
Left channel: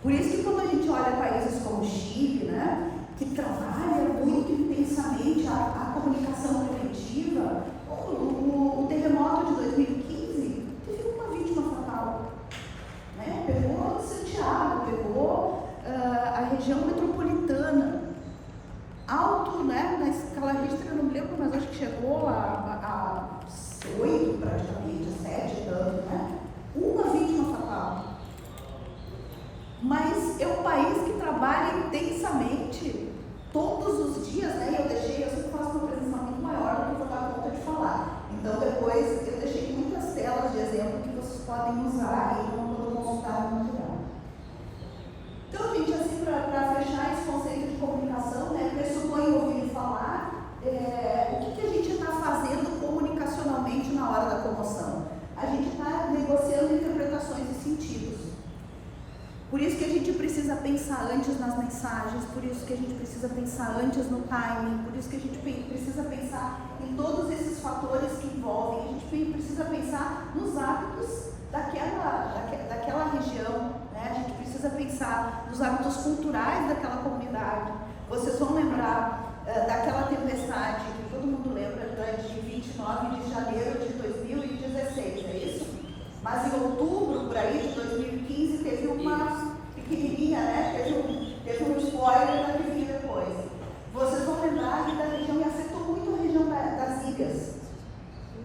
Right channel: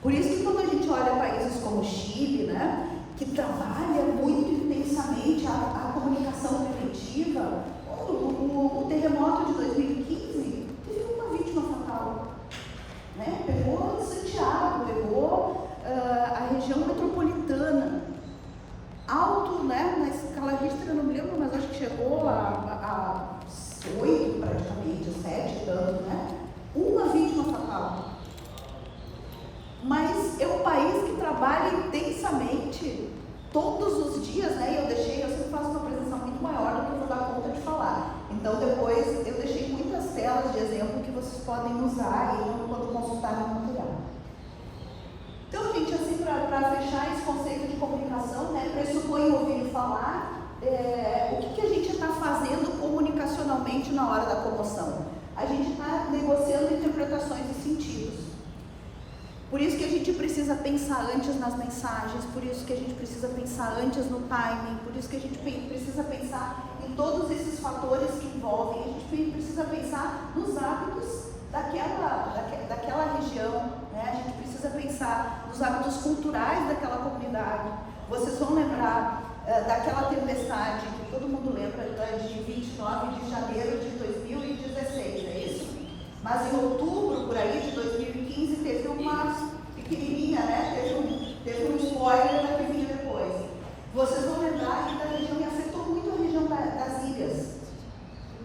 Por isso que quando a gente olha países como o Chile, né, que trabalha muito intensamente a comunicação preventiva, o terremoto de 2015 teve uma vítima fatal, né? Pegou Santiago, pegou a região metropolitana, alto, né, na escala Richter, eu não me lembro, mas acho que chegou a 8 praticamente, a 7 tanto, né? Uma vítima fatal. Mas é um país que trabalha intensamente todos os dias, né? Eu sempre faço uma apresentação muito maior do que eu vou dar conta de falar. Então depois eu deixei muitas telas de exemplo que vocês podem usar aí quando consultar no material. Então, gente, assim, para fechar esse conceito de comunicação, né, pressupõe ouvir falar, o que a gente está fazendo comunicacionalmente na hora da comoção? A gente está negociando interpretações e sentidos. Por isso que a gente precisa pensar antes nas mensagens, por isso que a gente precisa pensar antes no timing, por isso que a gente precisa pensar em todos esses fatores que envolvem, a gente precisa pensar nos hábitos daquela região, né? A gente precisa pensar nos hábitos culturais daquela comunidade. Vocês vão lembrar daquela tempestade que todo mundo lembra, de 29 de janeiro de 2016, é isso? Mas em outubro, por aí, de 2015, teve uma pequenininha, né? Teve um spoiler da que vinha depois. Vocês vão lembrar que da região, e afetou muito a região das ilhas.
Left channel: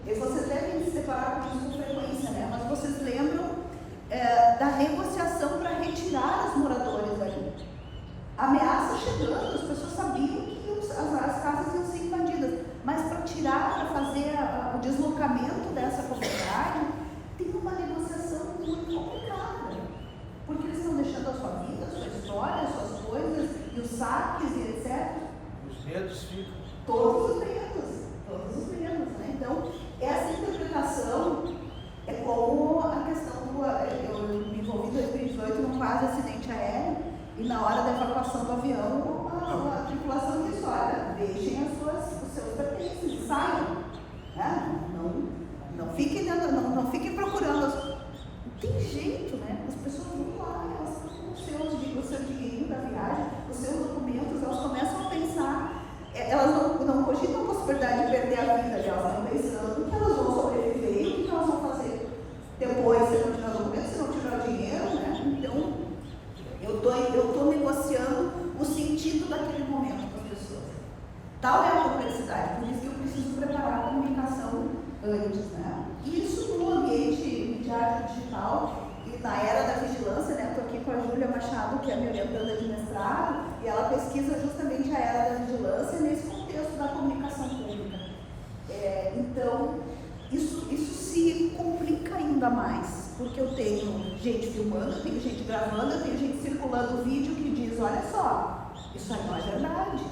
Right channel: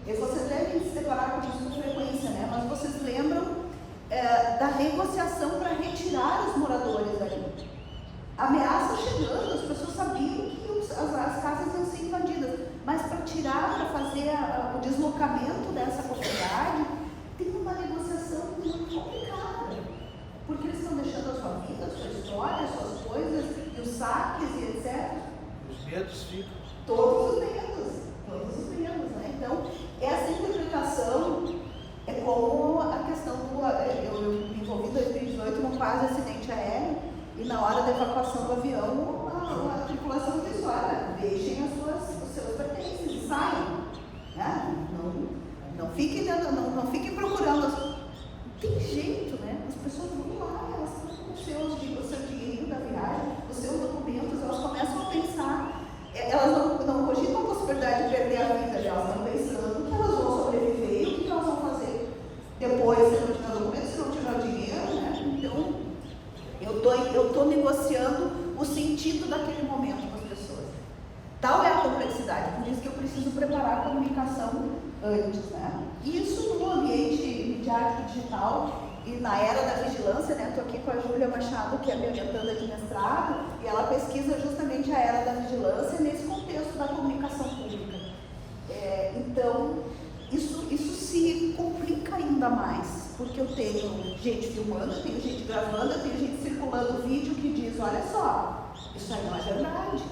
E vocês devem se deparar com isso com frequência, né? Mas vocês lembram da negociação para retirar os moradores dali. Ameaça chegando, as pessoas sabiam que as casas iam ser invadidas. Mas para tirar, para fazer o deslocamento dessa comunidade, tem uma negociação muito complicada, porque eles estão deixando a sua vida, a sua história, as suas coisas, e os saques e etc. Os medos ficam. Todos os medos, né? Então, essa interpretação é como a questão eu me envolvi em 2018 num quase acidente aéreo, e na hora da evacuação do avião, a tripulação disse, olha, deixem os seus pertences e saiam, né? Não fiquem procurando. Tem jeito, né? As pessoas vão lá, elas estão com o seu dinheirinho da viagem, os seus documentos, elas começam a pensar, elas não cogitam a possibilidade de perder a vida, elas estão pensando que elas vão sobreviver e o que elas vão fazer depois, se não tiver documento, se não tiver dinheiro, né? Então, eu estou negociando o sentido daquele momento com as pessoas. Tal é a complexidade, por isso que eu preciso preparar a comunicação antes, né? Isso no ambiente midiático digital e na era da vigilância, né? Estou aqui com a Júlia Machado, que é minha orientanda de mestrado, e ela pesquisa justamente a era da vigilância nesse contexto da comunicação pública. Então, isso se complica ainda mais, porque eu tenho gente filmando, eu tenho gente gravando, eu tenho gente circulando vídeo que diz, olha só, isso aí não é verdade.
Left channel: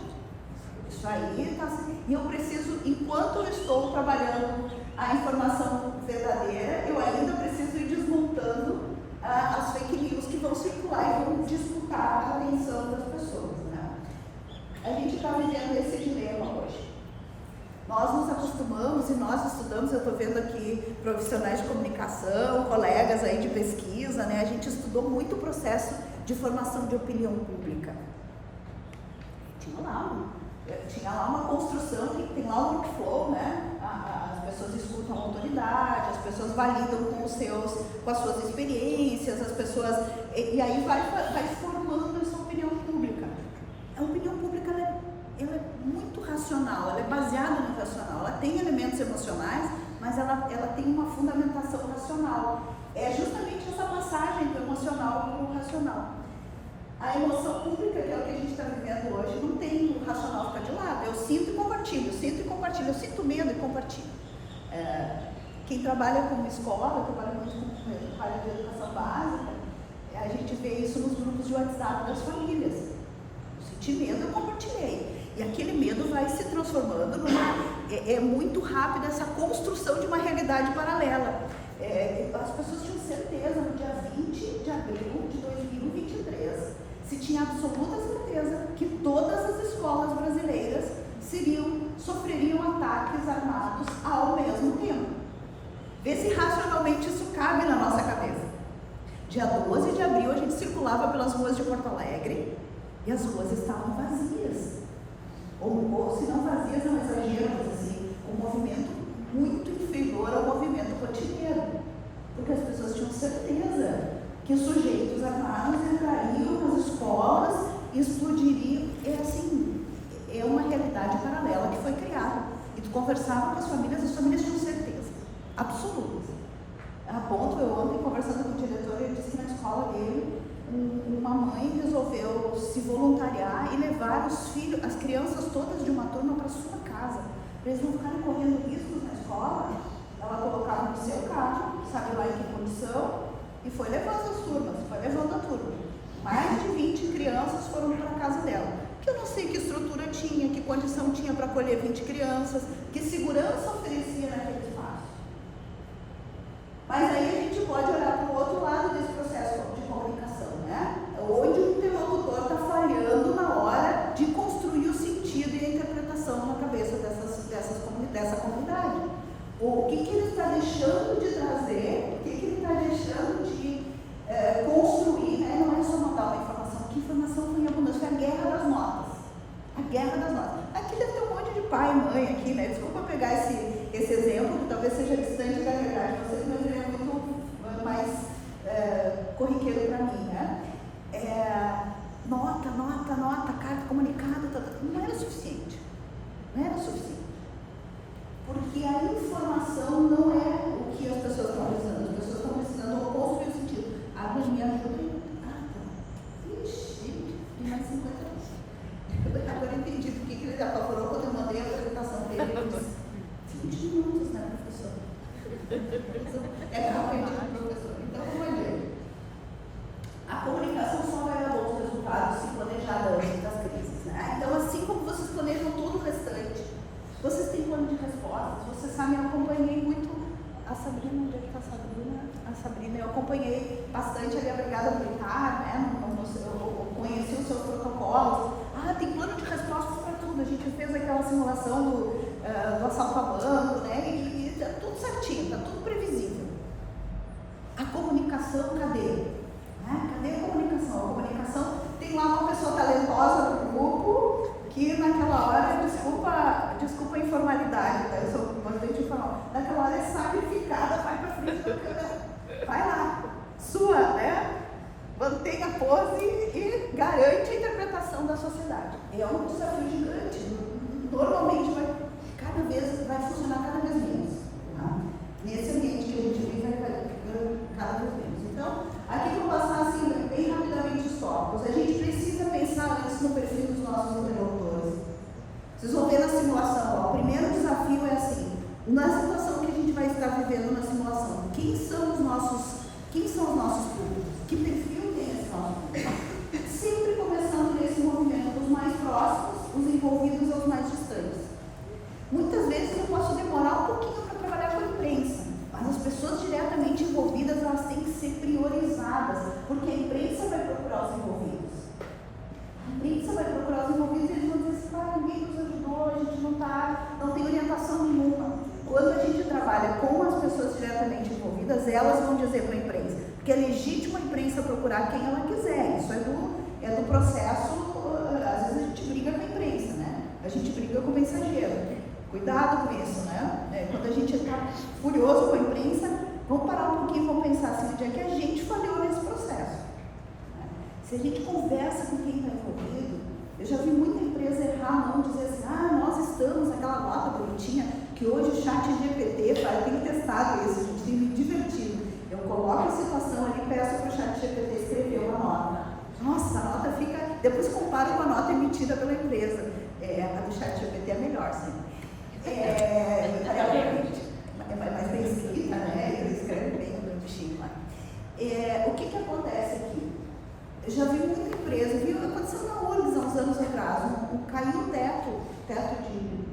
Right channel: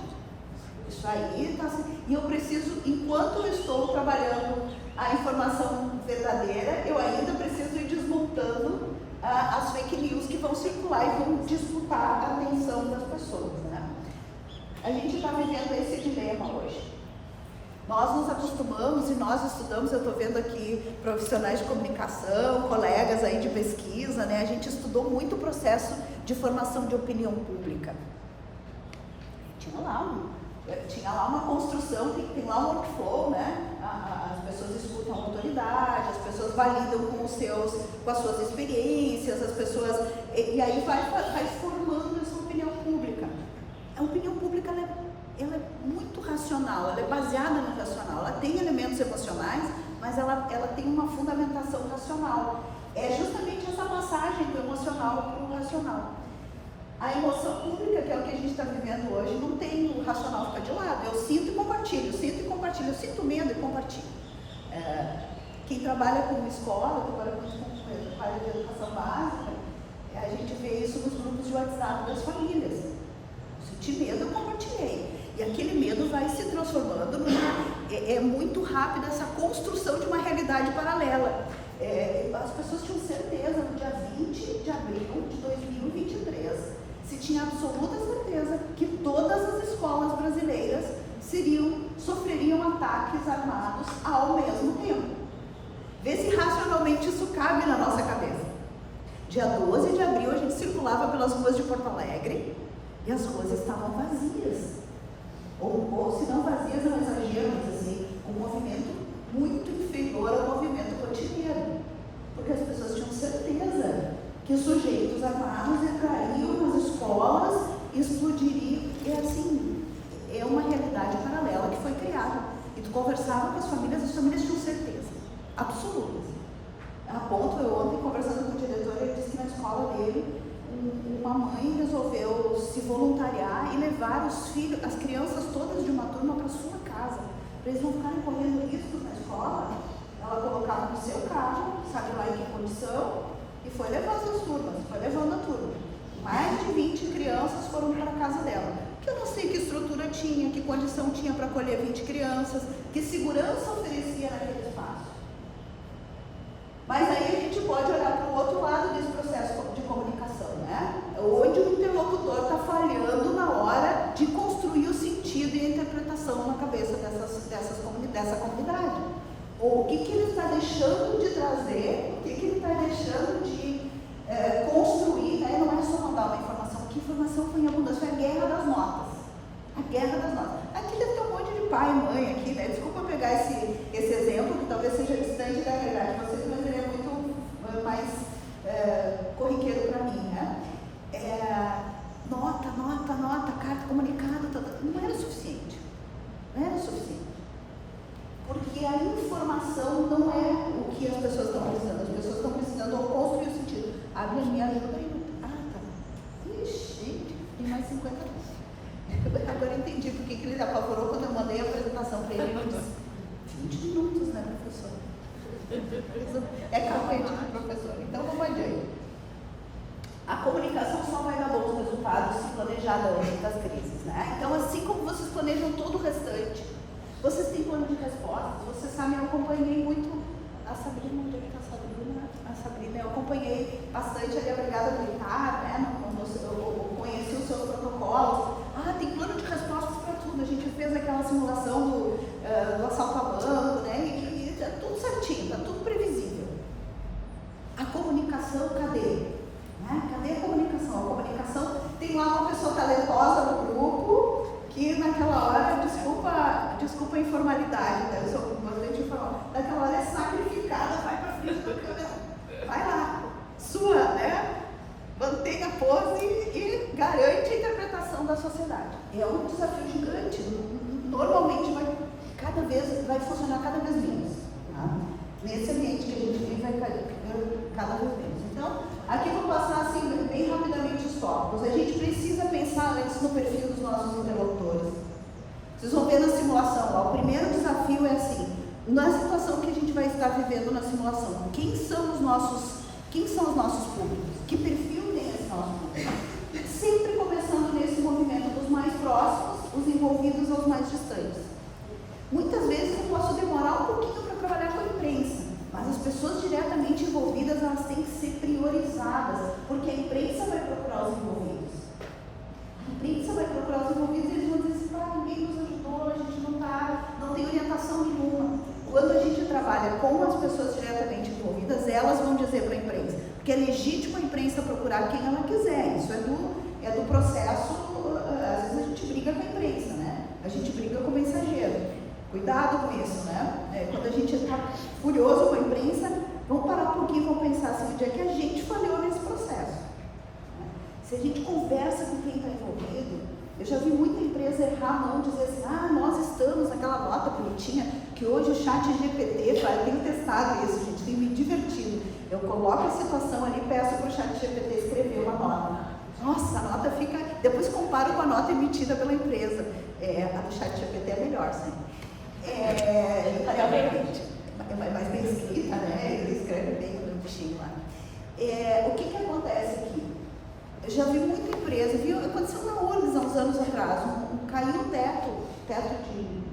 Isso aí está assim. E eu preciso, enquanto eu estou trabalhando a informação verdadeira, eu ainda preciso ir desmontando as fake news que vão circular e vão disputar a atenção das pessoas, né? A gente está vivendo esse dilema hoje. Nós nos acostumamos e nós estudamos, eu estou vendo aqui profissionais de comunicação, colegas aí de pesquisa, né? A gente estudou muito o processo de formação de opinião pública. Tinha lá uma construção, tem lá um workflow, né? As pessoas escutam a autoridade, as pessoas validam com as suas experiências, as pessoas, e aí vai formando essa opinião pública. A opinião pública ela é muito racional, ela é baseada no racional, ela tem elementos emocionais, mas ela tem uma fundamentação racional. É justamente essa passagem passagem do emocional para o racional. A emoção pública, que é o que a gente está vivendo hoje, não tem o racional ficar de lado. Eu sinto e compartilho, eu sinto e compartilho, eu sinto medo e compartilho. Quem trabalha com escola, trabalha com área de educação básica, a gente vê isso nos grupos de WhatsApp das famílias. Eu senti medo, eu compartilhei. E aquele medo vai se transformando é muito rápida essa construção de uma realidade paralela. As pessoas tinham certeza no dia 20 de abril de 2023, se tinha absoluta certeza que todas as escolas brasileiras sofreriam ataques armados ao mesmo tempo. Vê se racionalmente isso cabe na nossa cabeça. Dia 12 de abril a gente circulava pelas ruas de Porto Alegre e as ruas estavam vazias. Ou se não vazias, não exagero, mas assim, um movimento muito inferior ao movimento rotineiro. Porque as pessoas tinham certeza que os sujeitos armados entrariam nas escolas e explodiriam. É uma realidade paralela que foi criada. E tu conversava com as famílias tinham certeza absoluta. A ponto, eu ontem conversando com o diretor, ele disse que na escola dele, uma mãe resolveu se voluntariar e levar as crianças todas de uma turma para sua casa, para eles não ficarem correndo riscos na escola. Ela colocava no seu carro, sabe lá em que condição, e foi levando as turmas, foi levando a turma. Mais de 20 crianças foram para a casa dela. Que eu não sei que estrutura tinha, que condição tinha para acolher 20 crianças, que segurança oferecia naquele espaço. Mas aí a gente pode olhar para o outro lado desse processo de comunicação, né? Onde o interlocutor está falhando na hora de construir o sentido e a interpretação na cabeça dessa comunidade. O que ele está deixando de trazer, o que ele está deixando de construir, né? Não é só mandar uma informação, que informação foi em abundância, foi a guerra das notas. A guerra das notas. Aqui deve ter um monte de pai e mãe aqui, né? Desculpa pegar esse exemplo, que talvez seja distante da realidade de vocês, mas ele é muito mais corriqueiro para mim, né? Nota, carta, comunicado, não era suficiente. Não era suficiente. Porque a informação não é o que as pessoas estão precisando. As pessoas estão precisando construir o sentido. A minha ajuda aí. Tá. Ixi, tem mais 50 minutos. Agora eu entendi porque que ele apavorou quando eu mandei a apresentação para ele. Eu disse, 20 minutos, né, professor? É carpete do professor. Então, vamos adiante. A comunicação só vai dar bons resultados se planejada antes das crises, né? Então, assim como vocês planejam todo o restante, vocês têm plano de resposta. Vocês sabem, eu acompanhei muito a Sabrina. Onde é que está a Sabrina? A Sabrina, eu acompanhei bastante ali a Brigada Militar, né? Eu conheci os seus protocolos. Tem plano de resposta para tudo. A gente fez aquela simulação do assalto a banco, né? E está tudo certinho, está tudo previsível. A comunicação, cadê? Cadê a comunicação? A comunicação tem lá uma pessoa talentosa no grupo que naquela hora, desculpa a informalidade, né? Eu sou bastante informal. Naquela hora é sacrificada, vai para frente da câmera, vai lá, sua, né? Mantenha a pose e garante a interpretação da sociedade. É um desafio gigante. Normalmente vai funcionar cada vez menos. Tá? Nesse ambiente que a gente vive, vai cada vez menos. Então, aqui vou passar assim, bem rapidamente os tópicos. A gente precisa pensar antes no perfil dos nossos interlocutores. Vocês vão ver na simulação, ó, o primeiro desafio é assim, na situação que a gente vai estar vivendo na simulação, quem são os nossos públicos? Que perfil tem esse nosso público? Sempre começando nesse movimento dos mais próximos, os envolvidos aos mais distantes. Muitas vezes eu posso demorar um pouquinho para trabalhar com a imprensa, mas as pessoas diretamente envolvidas, elas têm que ser priorizadas, porque a imprensa vai procurar os envolvidos. A imprensa vai procurar os envolvidos e eles vão dizer assim, ninguém nos ajudou, a gente não tem orientação nenhuma. Quando a gente trabalha com as pessoas diretamente envolvidas, elas vão dizer para a imprensa, porque é legítimo a imprensa procurar quem ela quiser, isso é do processo, às vezes a gente briga com a imprensa, né? A gente briga com o mensageiro. Cuidado com isso, né? Quando a gente está furioso com a imprensa, vamos parar um pouquinho e vamos pensar assim, onde é que a gente falhou nesse processo. Né? Se a gente conversa com quem está envolvido, eu já vi muita empresa errar a mão, dizer assim, nós estamos naquela nota bonitinha, que hoje o chat GPT, eu tenho testado isso, gente, tem me divertido. Eu coloco a situação ali e peço para o ChatGPT escrever uma nota. Nossa, a nota fica... Depois comparo com a nota emitida pela empresa. A do ChatGPT é melhor, sim. Invariavelmente. É mais bem escrita, né? Ele escreve bem no bichinho lá. O que acontece aqui? Eu já vi muita empresa, aconteceu na URGS há uns anos atrás, caiu o teto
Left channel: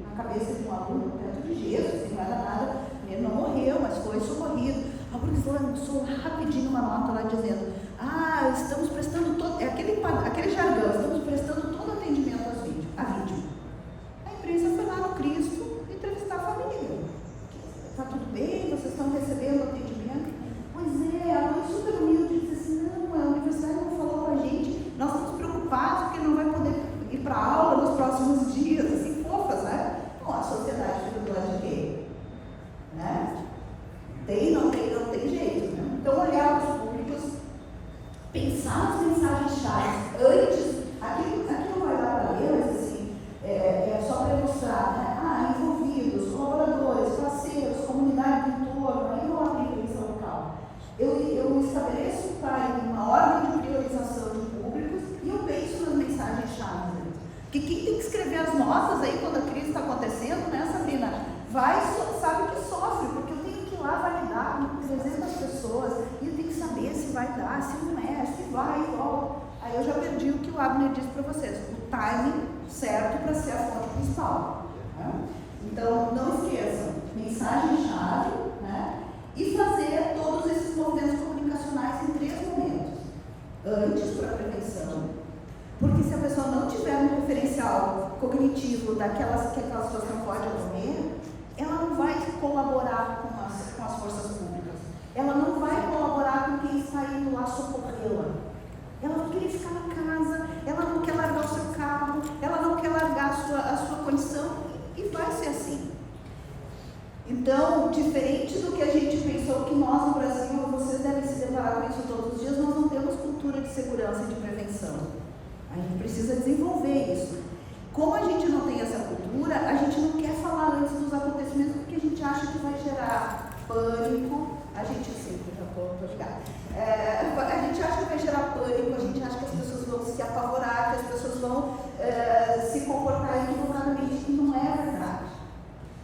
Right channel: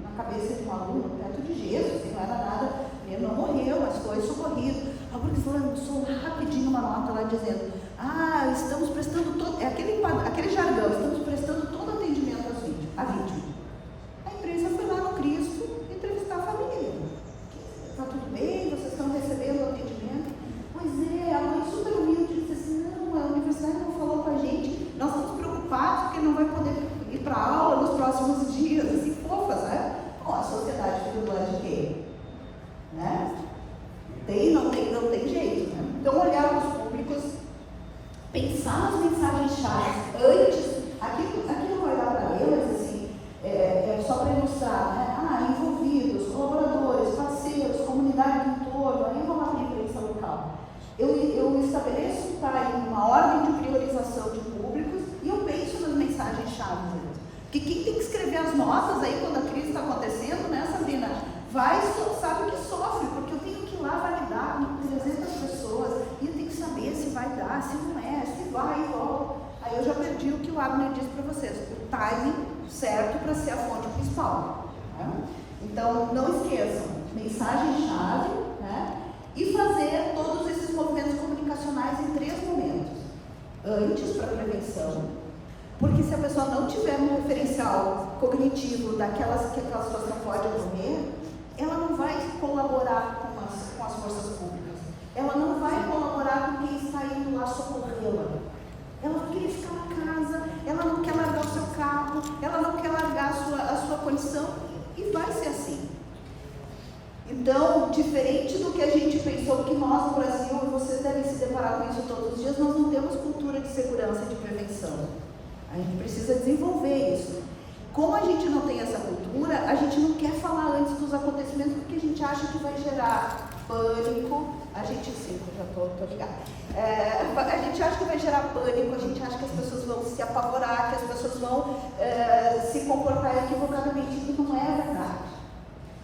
na cabeça de um aluno, teto de gesso, assim, não era nada, ele não morreu, mas foi socorrido. A URGS lançou rapidinho uma nota lá dizendo, estamos prestando aquele jargão, estamos prestando todo atendimento à vítima. A empresa foi lá no Cristo entrevistar a família. Está tudo bem? Vocês estão recebendo atendimento? Pois é, a mãe super humilde disse assim, não, a universidade não falou com a gente, nós estamos preocupados porque não vai poder ir para a aula nos próximos dias, assim, fofas, né? Bom, a sociedade fica do lado de quem? Né? Não tem jeito, né? Então, olhar os públicos, pensar nas mensagens-chave, antes, aqui não vai dar para ler, mas assim, é só para ilustrar, né? Envolvidos, colaboradores, parceiros, comunidade do entorno, aí vou lá para a imprensa local. Eu estabeleço uma ordem de priorização de públicos e eu penso nas mensagens-chave. Porque quem tem que escrever as notas aí quando a crise está acontecendo, né, Sabrina? Sabe que sofre, porque eu tenho que ir lá validar com 300 pessoas e eu tenho que saber se vai dar, se não é, se vai, volta. Aí eu já perdi o que o Abner disse para vocês, o timing certo para ser a fonte principal. Né? Então, não esqueçam, mensagem-chave, né? E fazer todos esses movimentos comunicacionais em 3 momentos. Antes, para prevenção, porque se a pessoa não tiver um referencial cognitivo que aquela situação pode ocorrer, ela não vai colaborar com as forças públicas, ela não vai colaborar com quem está indo lá socorrê-la. Ela vai querer ficar na casa, ela não quer largar o seu carro, ela não quer largar a sua condição, e vai ser assim. Então, diferente do que a gente pensou que nós no Brasil, vocês devem se deparar com isso todos os dias, nós não temos cultura de segurança e de prevenção. A gente precisa desenvolver isso. Como a gente não tem essa cultura, a gente não quer falar antes dos acontecimentos porque a gente acha que vai gerar pânico. A gente já estou ligada. A gente acha que vai gerar pânico, a gente acha que as pessoas vão se apavorar, que as pessoas vão se comportar equivocadamente, e não é verdade.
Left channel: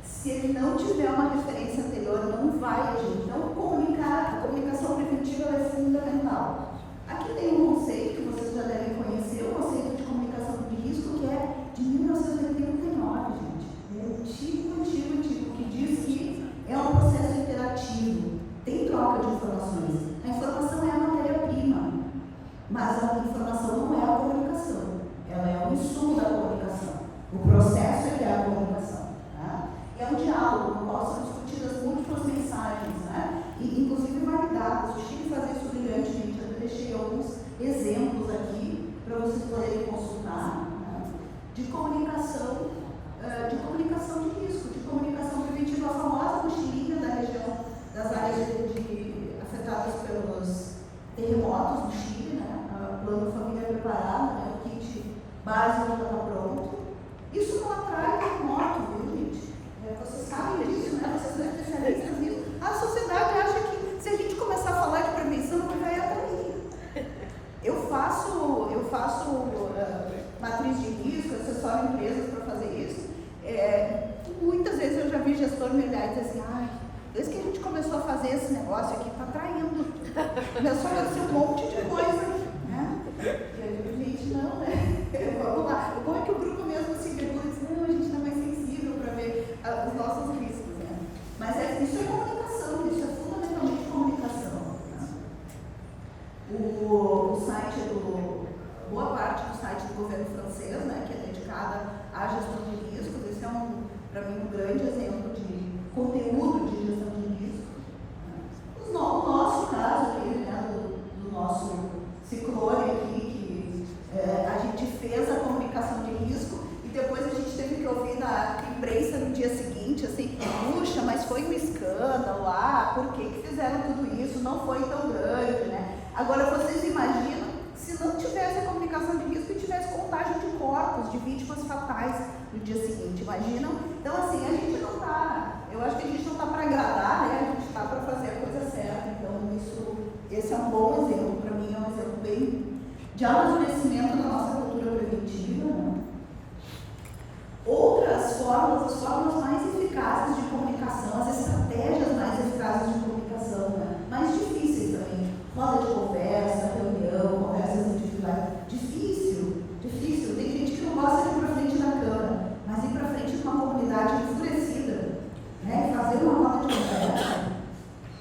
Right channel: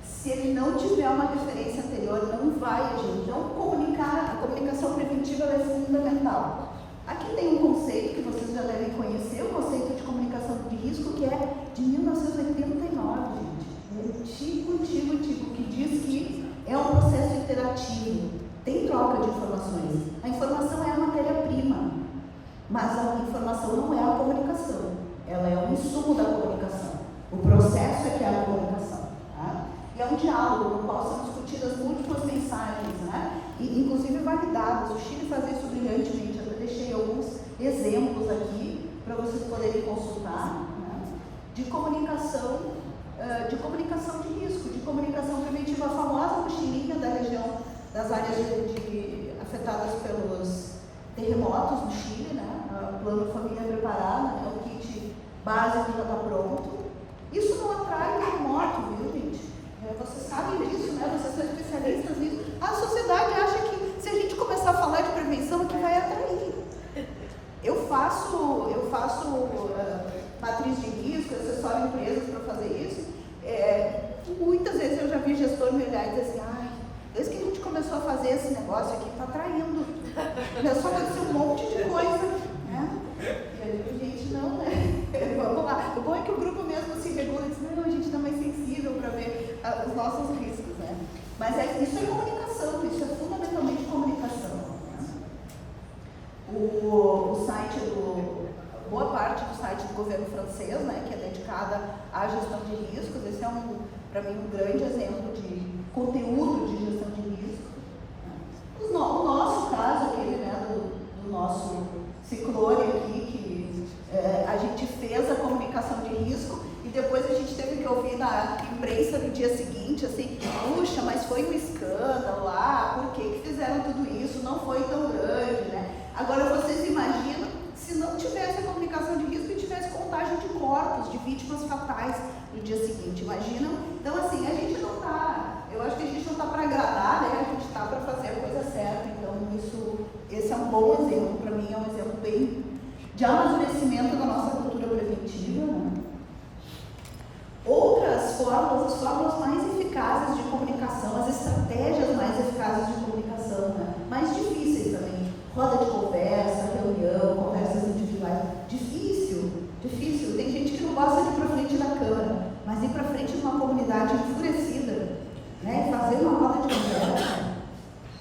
Se ele não tiver uma referência anterior, não vai agir. Então, a comunicação preventiva é fundamental. Aqui tem um conceito que vocês já devem conhecer, o conceito de comunicação de risco, que é de 1989, gente. Antigo, que diz que é um processo interativo, tem troca de informações. A informação é a matéria-prima, mas a informação não é a comunicação, ela é o insumo da comunicação. O processo é que é a comunicação. Tá? E é um diálogo no qual são discutidas múltiplas mensagens, né? E inclusive validadas. O Chile faz isso brilhantemente. Eu deixei alguns exemplos aqui para vocês poderem consultar, né? De comunicação de risco, de comunicação preventiva, a famosa mochilinha da região das áreas afetadas pelos terremotos no Chile, né? O plano Família Preparada, né? O kit básico já está pronto. Isso não atrai terremoto, viu, gente? Vocês sabem disso, né? Vocês são especialistas nisso. A sociedade acha que se a gente começar a falar de prevenção, é que vai atrair. Eu faço matriz de risco, assessoro empresas para fazer isso. Muitas vezes eu já vi gestor me olhar e dizer assim, desde que a gente começou a fazer esse negócio aqui, está atraindo. Começou a acontecer um monte de coisa. Né? E aí eu digo, gente, não, né? Vamos lá. O bom é que o grupo mesmo se regula e diz, não, a gente não é mais sensível para ver os nossos riscos. Né? Mas isso é comunicação, isso é fundamentalmente comunicação. Né? O site boa parte do site do governo francês, né, que é dedicada à gestão de riscos. Esse é, para mim, um grande exemplo de conteúdo de gestão de risco. O nosso caso aqui, né, do nosso ciclone aqui, que a gente fez a comunicação de risco e depois a gente teve que ouvir na imprensa no dia seguinte, assim, puxa, mas foi um escândalo lá, por que fizeram tudo isso? Não foi tão grande, né? Agora, vocês imaginam se não tivesse a comunicação de risco e tivesse contagem de corpos, de vítimas fatais no dia seguinte, imaginam? Então, assim, a gente não está, eu acho que a gente não está para agradar, né? A gente acreditar para fazer a coisa certa. Então, esse é um bom exemplo, para mim é um exemplo bem de amadurecimento da nossa cultura preventiva, né? Outras formas, as formas mais eficazes de comunicação, as estratégias mais eficazes de comunicação, né? Mais difíceis também. Roda de conversa, reunião, conversas individuais. Difícil. Tem gente que não gosta de ir para frente da câmera, mas ir para frente de uma comunidade enfurecida, né? Fazer uma roda de conversa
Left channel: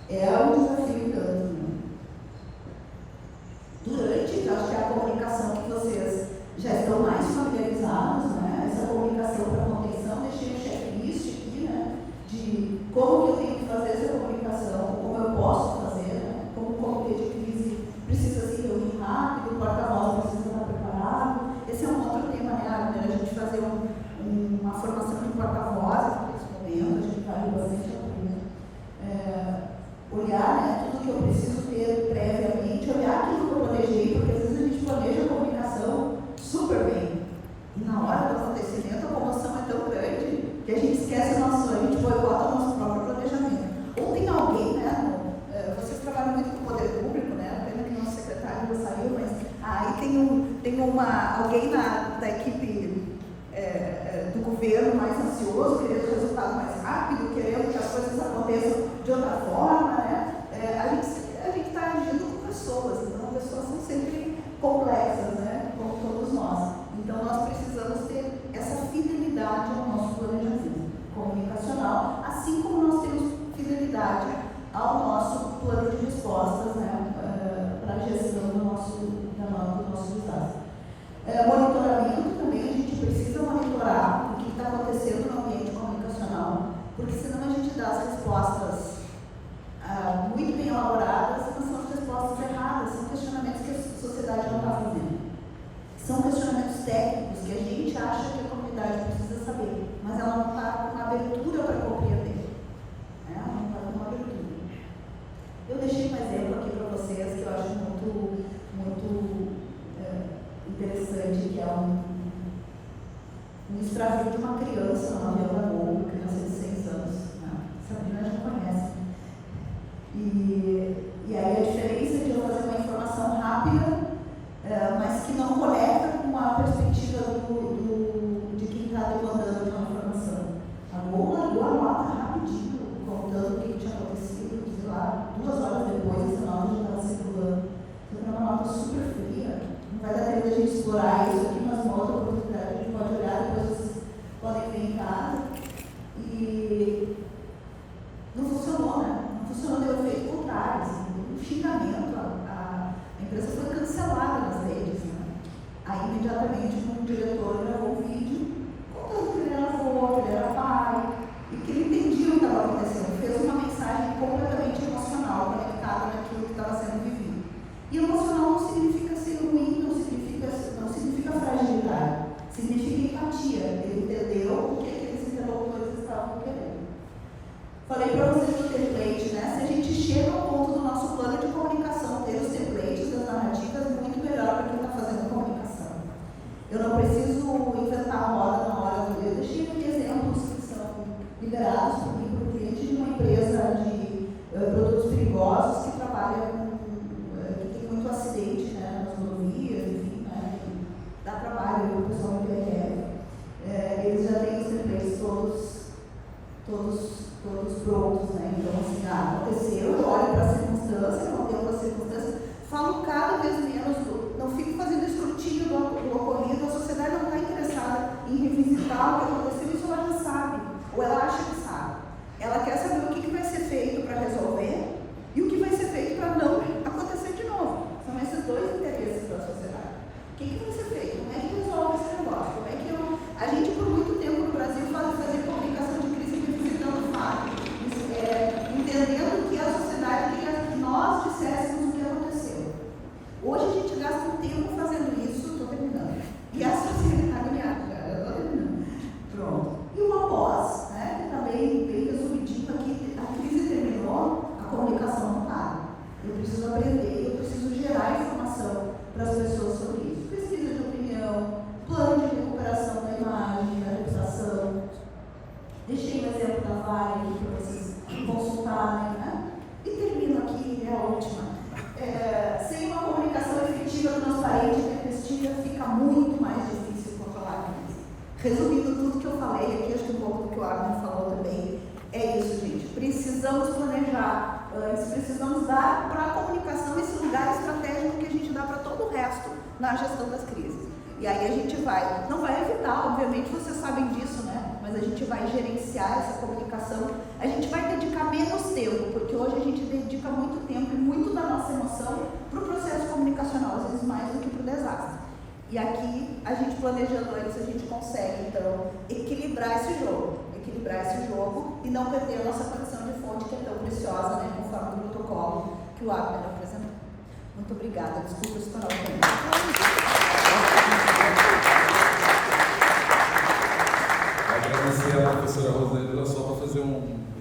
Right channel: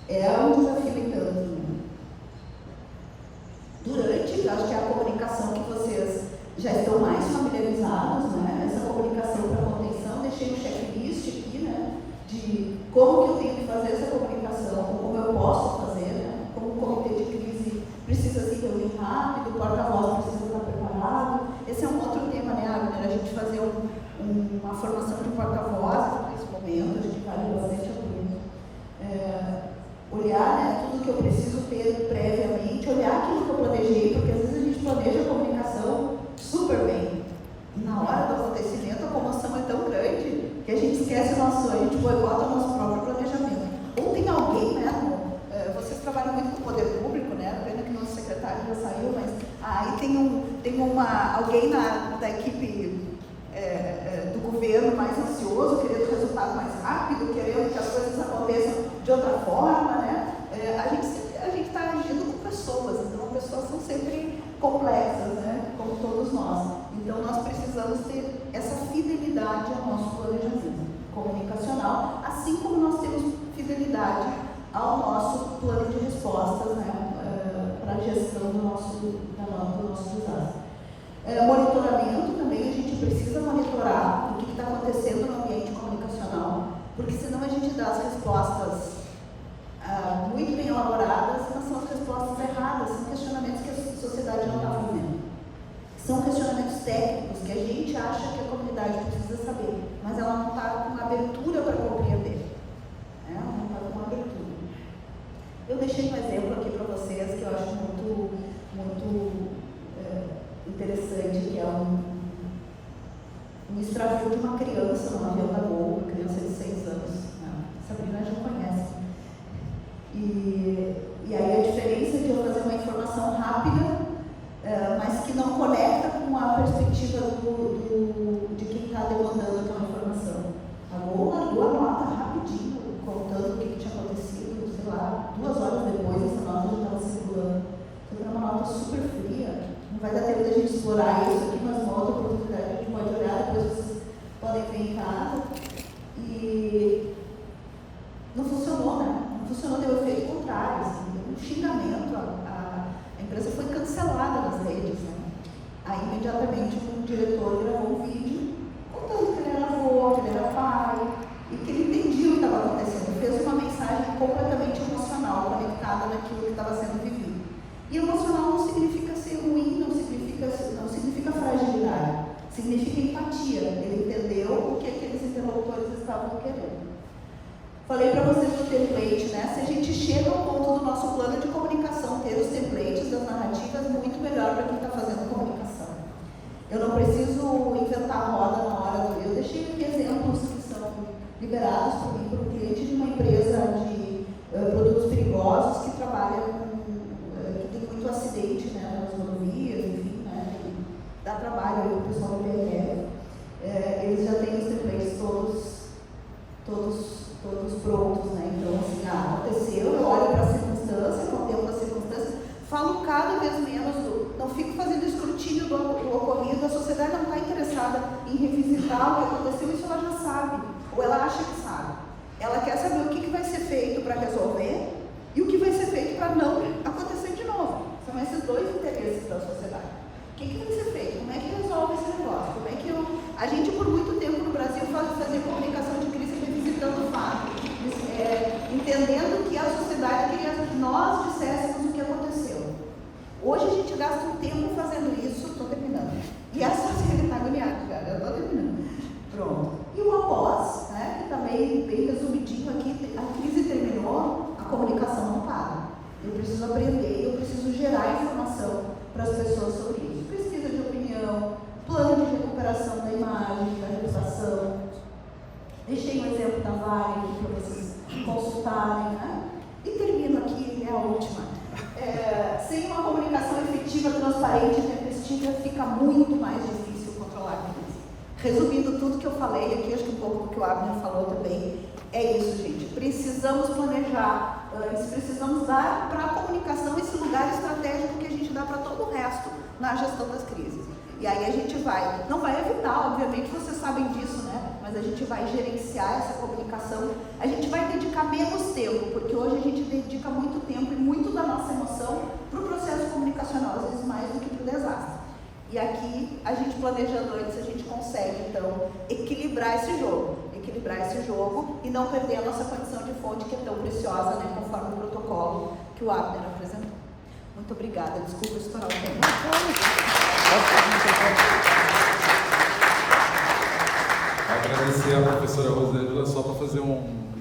é um desafio tanto. Durante, eu acho que é a comunicação que vocês já estão mais familiarizados, né? Essa comunicação para contenção, deixei o checklist aqui, né? De como que eu tenho que fazer essa comunicação, como eu posso fazer, né? Como o comitê de crise precisa se reunir rápido, o porta-voz precisa estar preparado. Esse é um outro tema, né, Abner? A gente fazer uma formação de porta-voz nesse momento, a gente vale bastante a pena. Olhar, né, tudo que eu preciso ter previamente, olhar aquilo que eu planejei, porque às vezes a gente planeja a comunicação super bem. E na hora do acontecimento a comoção é tão grande que a gente esquece o nosso, a gente boicota o nosso próprio planejamento. Ou tem alguém, né? Vocês trabalham muito com o poder público, né? Pena que nosso secretário já saiu, mas aí tem alguém da equipe do governo mais ansioso, querendo resultado mais rápido, querendo que as coisas aconteçam de outra forma, né? A gente está agindo com pessoas, então as pessoas são sempre complexas, né? Como todos nós. Então nós precisamos ter essa fidelidade ao nosso planejamento comunicacional, assim como nós temos fidelidade ao nosso plano de respostas, né? Para a gestão do nosso desastre. Monitoramento também, a gente precisa monitorar o que está acontecendo no ambiente comunicacional, porque senão a gente dá as respostas muito bem elaboradas, mas são as respostas erradas, são questionamentos que a sociedade não está fazendo. São questionamentos técnicos que a gente acha que a comunidade precisa saber, mas ela não está com abertura para compreender. Ela não está com abertura. Eu deixei um exemplo aqui para vocês que eu acho muito interessante, que é um extravio de uma criança numa avião da Gol, criança de 6 anos. Sabrina já conhece. E aí a diferença de eu fazer uma informação rápida, mas que não conecta com a perspectiva de quem está demandando aquela informação. A Gol largou a nota rapidinho, contando o que tinha acontecido, sei lá, 2 horas depois essa nota já estava circulando. Então é uma nota super fria. Não vai dar tempo da gente explorar isso aqui, mas uma outra oportunidade a gente pode olhar, depois vocês podem ver em casa. E não funcionou, né? Não funcionou, deu efeito contrário. Assim, um xingamento, a empresa foi cancelada nas redes. Né? Aí, imediatamente, um diretor gravou um vídeo contando que ele era avô, que ele era pai, e que ele entendia o que estava acontecendo. Ele fez uma mensagem completamente emocional, conectada naquilo que estava sendo vivido. E emocional não significa ser ruim, não significa fragilidade, significa empatia. Ele entendeu o que aqueles interlocutores estavam querendo. Falei para vocês do template, né? Se a gente chega ao ponto do nosso plano de comunicação, ter os templates das narrativas, é muito melhor para quem está fazendo comunicação. Eu não preciso inventar a roda na hora do. Eu deixei aqui exemplos que são liberados por mim, por cliente de uma empresa de produtos perigosos que trabalha que tem muito acidente, né, nas rodovias, enfim, né, que dá trabalho para o pessoal do PRF. Eles já têm os templates todos prontos, né? Então, assim, aconteceu, eu olho para a circunstância, não deu para a circunstância, falo cada vez menos, não fico fazendo escrutínio do ocorrido, a sociedade não está interessada em revisitar o que aconteceu, isso ela já sabe, ou ela acha que sabe. Ela quer saber o que vai ser feito para resolver e o que vai ser feito para não acontecer de novo. São esses dois interesses da sociedade. O que vai ser feito? Como é que resolve esse negócio? Como é que a gente, por muito tempo no Brasil, fazia comunicação de crise revisitando fatos, entendendo que a sociedade queria que nós disséssemos o que aconteceu. Hoje a gente gasta um tempo fazendo isso, estou terminando. E a sociedade está agoniada, cara, eu estou terminando. Pronto. E o após, né, que também bem resumidinho aqui, a crise terminou, a comunicação não para. Eu preciso aprender, eu preciso gerar informação para as pessoas sobre isso. Pesquisa de opinião, plano de recuperação da imagem, da reputação. Deixei um exemplo da Vale para vocês consultarem, né? resistível, fica muito mais difícil controlar a crise. Resumindo tudo que eu falei aqui, acho que um pouco do que o Agnes falou também, é isso, gente. Precisamos planejar antes, precisamos dar para a comunicação esse lugar estratégico que a gente dá para todo o resto na gestão das crises. E aí a gente não vai evitar, obviamente, vocês sabem disso, né? Mas a gente vai gerenciar essa comunicação, a gente vai dedicar menos tempo, porque hoje a gente dedica muito tempo e muito da nossa emoção para o processo comunicacional, às vezes mais do que para o desastre. E aqui, a gente planejando antes, a gente consegue, então, equilibrar esse jogo e não perder a nossa condição de fonte, que é tão preciosa, né? Conforme o protocolo que o Abner apresentou. Muito obrigada, desculpa estourar o tempo. Agradecer a professora Rosângela, só para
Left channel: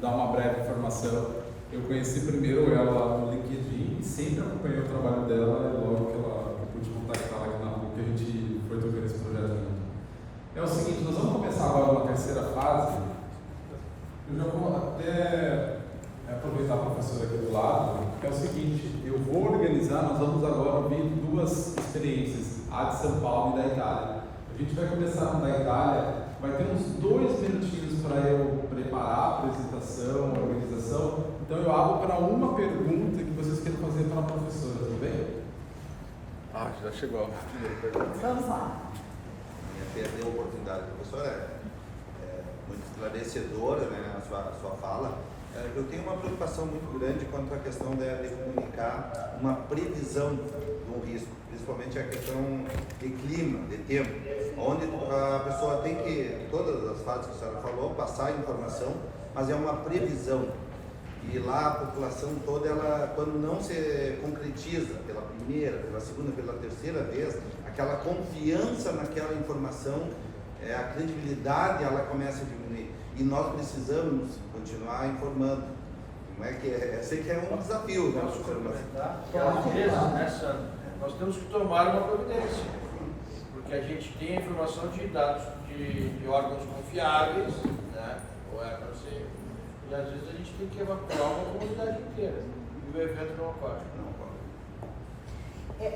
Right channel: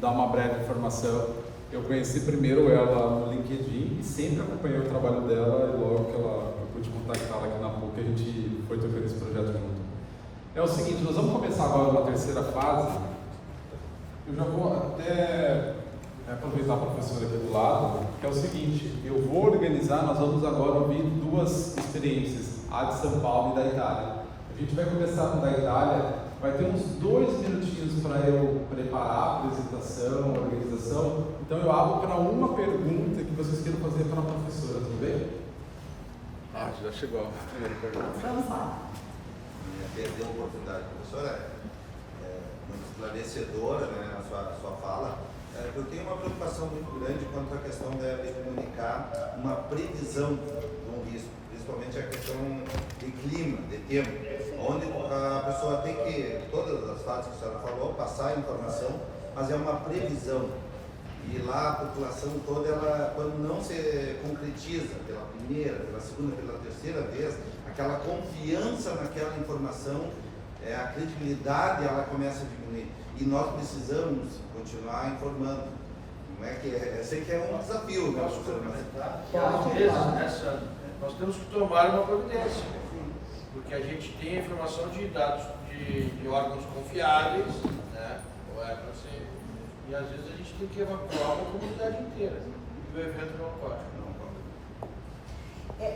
dar uma breve informação. Eu conheci primeiro ela no LinkedIn e sempre acompanhei o trabalho dela, e logo que eu pude contactá-la aqui na PUC, a gente foi tocando esse projeto junto. É o seguinte, nós vamos começar agora uma terceira fase. Eu já vou até aproveitar a professora aqui do lado, que é o seguinte, eu vou organizar, nós vamos agora ouvir duas experiências, a de São Paulo e da Itália. A gente vai começar com a da Itália. Vai ter uns 2 minutinhos para eu preparar a apresentação, a organização. Então eu abro para uma pergunta que vocês queiram fazer para a professora, tudo bem? Já chegou a primeira pergunta. Vamos lá. Agradecer a oportunidade, professora, muito esclarecedora, né, na sua fala. Eu tenho uma preocupação muito grande quanto à questão de comunicar uma previsão com risco, principalmente a questão de clima, de tempo, onde a pessoa tem que, todas as fases que a senhora falou, passar a informação, mas é uma previsão. E lá a população toda, ela, quando não se concretiza pela primeira, pela segunda, pela terceira vez, aquela confiança naquela informação, a credibilidade, ela começa a diminuir. E nós precisamos continuar informando. Não é que eu sei que é um desafio. Posso complementar? Às vezes, nós temos que tomar uma providência, porque a gente tem a informação de dados de órgãos confiáveis, né? Ou é para ser. E às vezes a gente tem que evacuar uma comunidade inteira. E o evento não ocorre.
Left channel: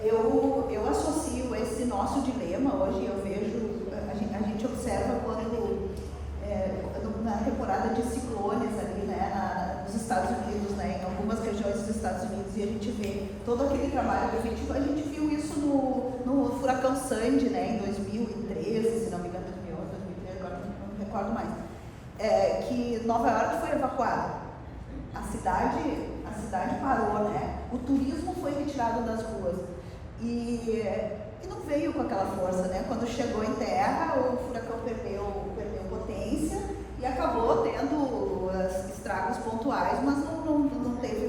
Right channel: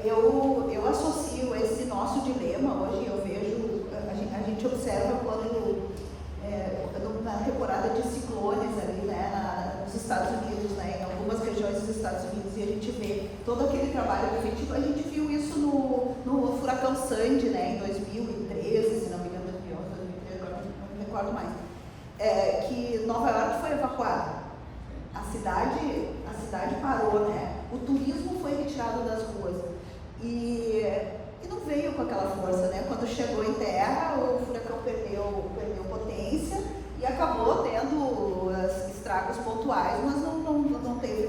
Eu associo esse nosso dilema hoje, eu vejo, a gente observa quando na temporada de ciclones ali, né, nos Estados Unidos, né, em algumas regiões dos Estados Unidos, e a gente vê todo aquele trabalho preventivo. A gente viu isso no furacão Sandy, né, em 2013, se não me engano, 2011, 2013, agora não me recordo mais, que Nova York foi evacuada. A cidade parou, né? O turismo foi retirado das ruas e não veio com aquela força, né? Quando chegou em terra, o furacão perdeu potência e acabou tendo estragos pontuais, mas não teve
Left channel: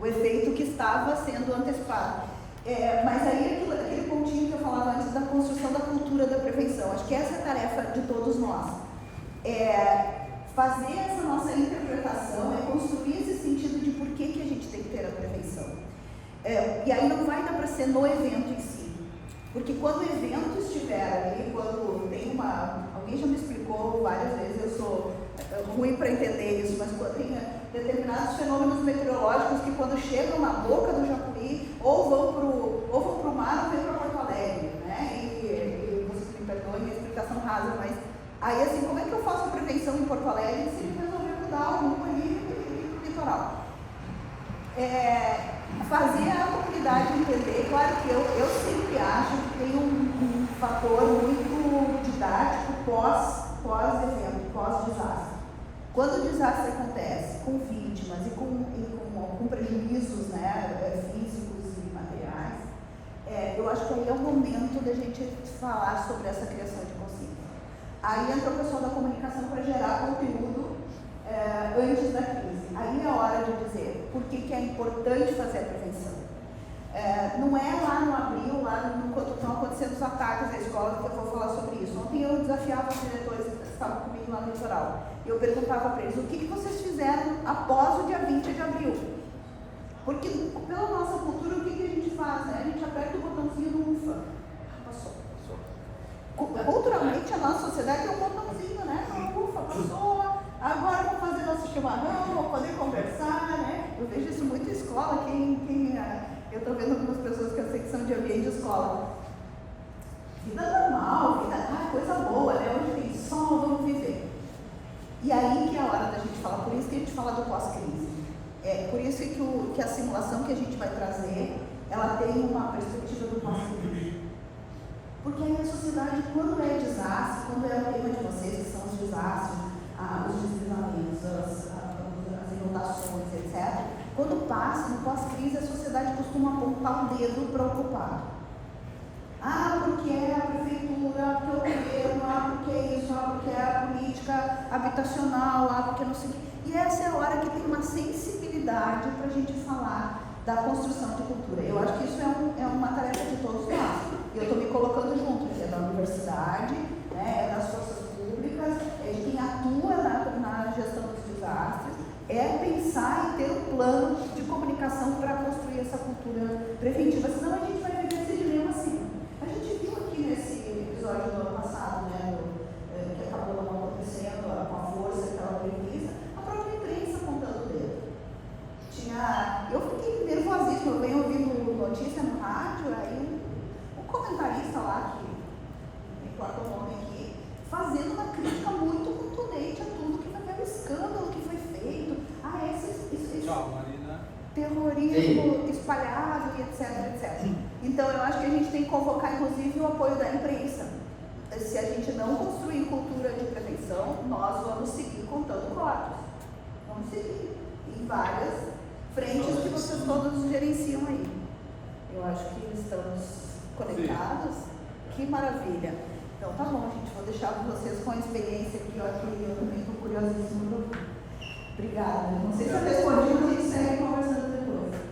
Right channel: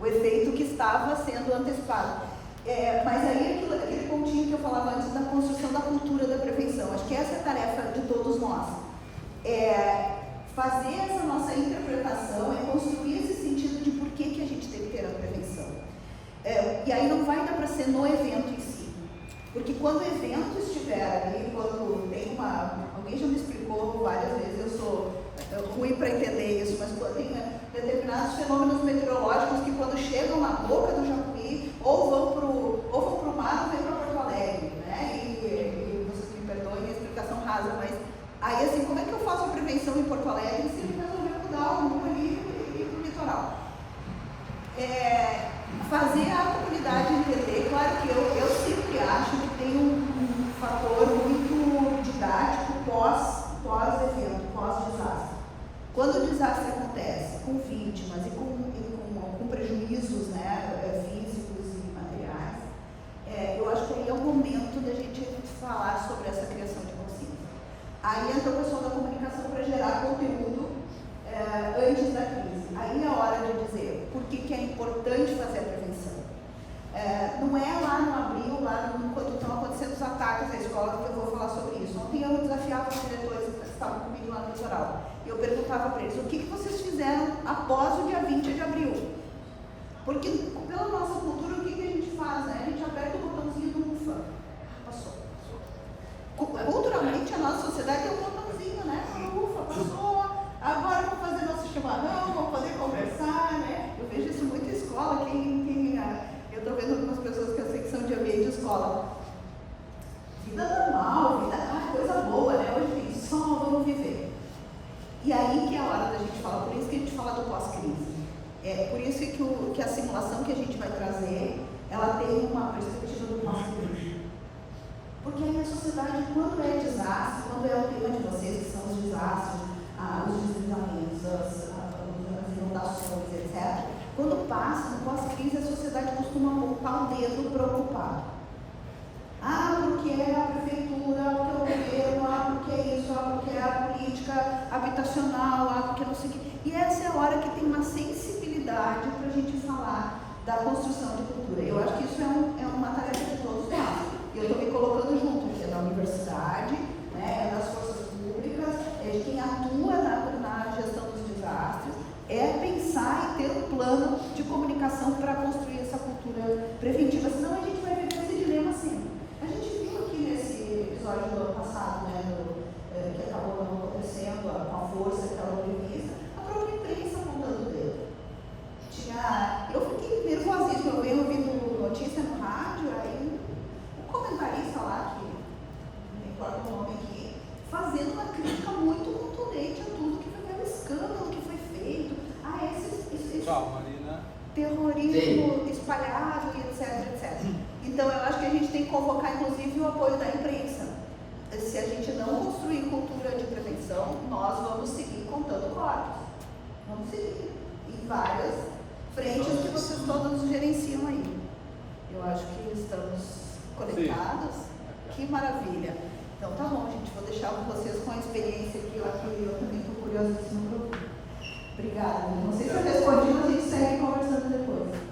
o efeito que estava sendo antecipado. Mas aí aquele pontinho que eu falava antes da construção da cultura da prevenção, acho que essa é a tarefa de todos nós. Fazer essa nossa interpretação, construir esse sentido de por que a gente tem que ter a prevenção. E aí não vai dar para ser no evento em si, porque quando o evento estiver ali, quando tem alguém já me explicou várias vezes, eu sou ruim para entender isso, mas quando tem determinados fenômenos meteorológicos que quando chegam na boca do Jacuí, ou vão para o mar ou vêm para Porto Alegre, né? E vocês me perdoem a explicação rasa, mas aí, assim, como é que eu faço a prevenção em Porto Alegre se ele resolver mudar o rumo ali e para o litoral? Fazer a comunidade entender, claro que eu sempre acho que tem um fator muito didático pós-evento, pós-desastre. Quando o desastre acontece com vítimas e com prejuízos, né, físicos e materiais, eu acho que aí é o momento da gente falar sobre essa criação de consciência. Aí entra o pessoal da comunicação para gerar conteúdo antes da crise. Aí é a hora de dizer por que é importante fazer a prevenção. Não é lá no abril, quando estão acontecendo os ataques à escola, que eu vou falar sobre isso. Ontem eu desafiava os diretores que estavam comigo lá no litoral. E eu perguntava para eles, o que vocês fizeram após o dia 20 de abril? Porque pela nossa cultura, o que a gente faz? Né? A gente aperta o botãozinho do UFA. Passou. Culturalmente, a nossa sociedade tem um botãozinho, né? Ufa, passou, agora vamos fazer nosso chimarrão, vamos poder conversar, né? Eu vejo isso muito em escola, eu estou vendo algumas pessoas que eu sei que são de ambiente de escola. disse que a simulação que a gente vai trazer, ela tem uma perspectiva do passado. Porque aí a sociedade, quando é desastre, quando é o tema de vocês, que são os desastres, os deslizamentos, as inundações, etc., quando passa, no pós-crise, a sociedade costuma apontar o dedo preocupado. Porque é a prefeitura, porque é o governo, porque é isso, porque é a política habitacional, porque não sei o quê. E essa é a hora que tem uma sensibilidade para a gente falar da construção de cultura. Eu acho que isso é uma tarefa de todos nós. E eu estou me colocando junto, é da universidade, é das forças públicas, é de quem atua na gestão dos desastres, é pensar e ter um plano de comunicação para construir essa cultura preventiva, senão a gente vai viver esse dilema assim. A gente viu aqui nesse episódio do ano passado, que acabou não acontecendo com a força que estava prevista, a própria imprensa apontando o dedo. Eu fiquei nervosíssima, eu venho ouvindo notícia no rádio, aí o comentarista lá, que não importa o nome aqui, fazendo uma crítica muito contundente a tudo que foi o escândalo que foi feito, esse terrorismo espalhado e etc. Então eu acho que a gente tem que convocar inclusive o apoio da imprensa. Se a gente não construir cultura de prevenção, nós vamos seguir contando corpos. Vamos seguir em várias frentes que vocês todos gerenciam aí. Eu acho que estamos conectados. Sim. Que maravilha. Então tá bom, gente, vou deixar vocês com a experiência que eu também estou curiosíssima para ouvir. Obrigada. Não sei se eu respondi, mas a gente segue conversando depois.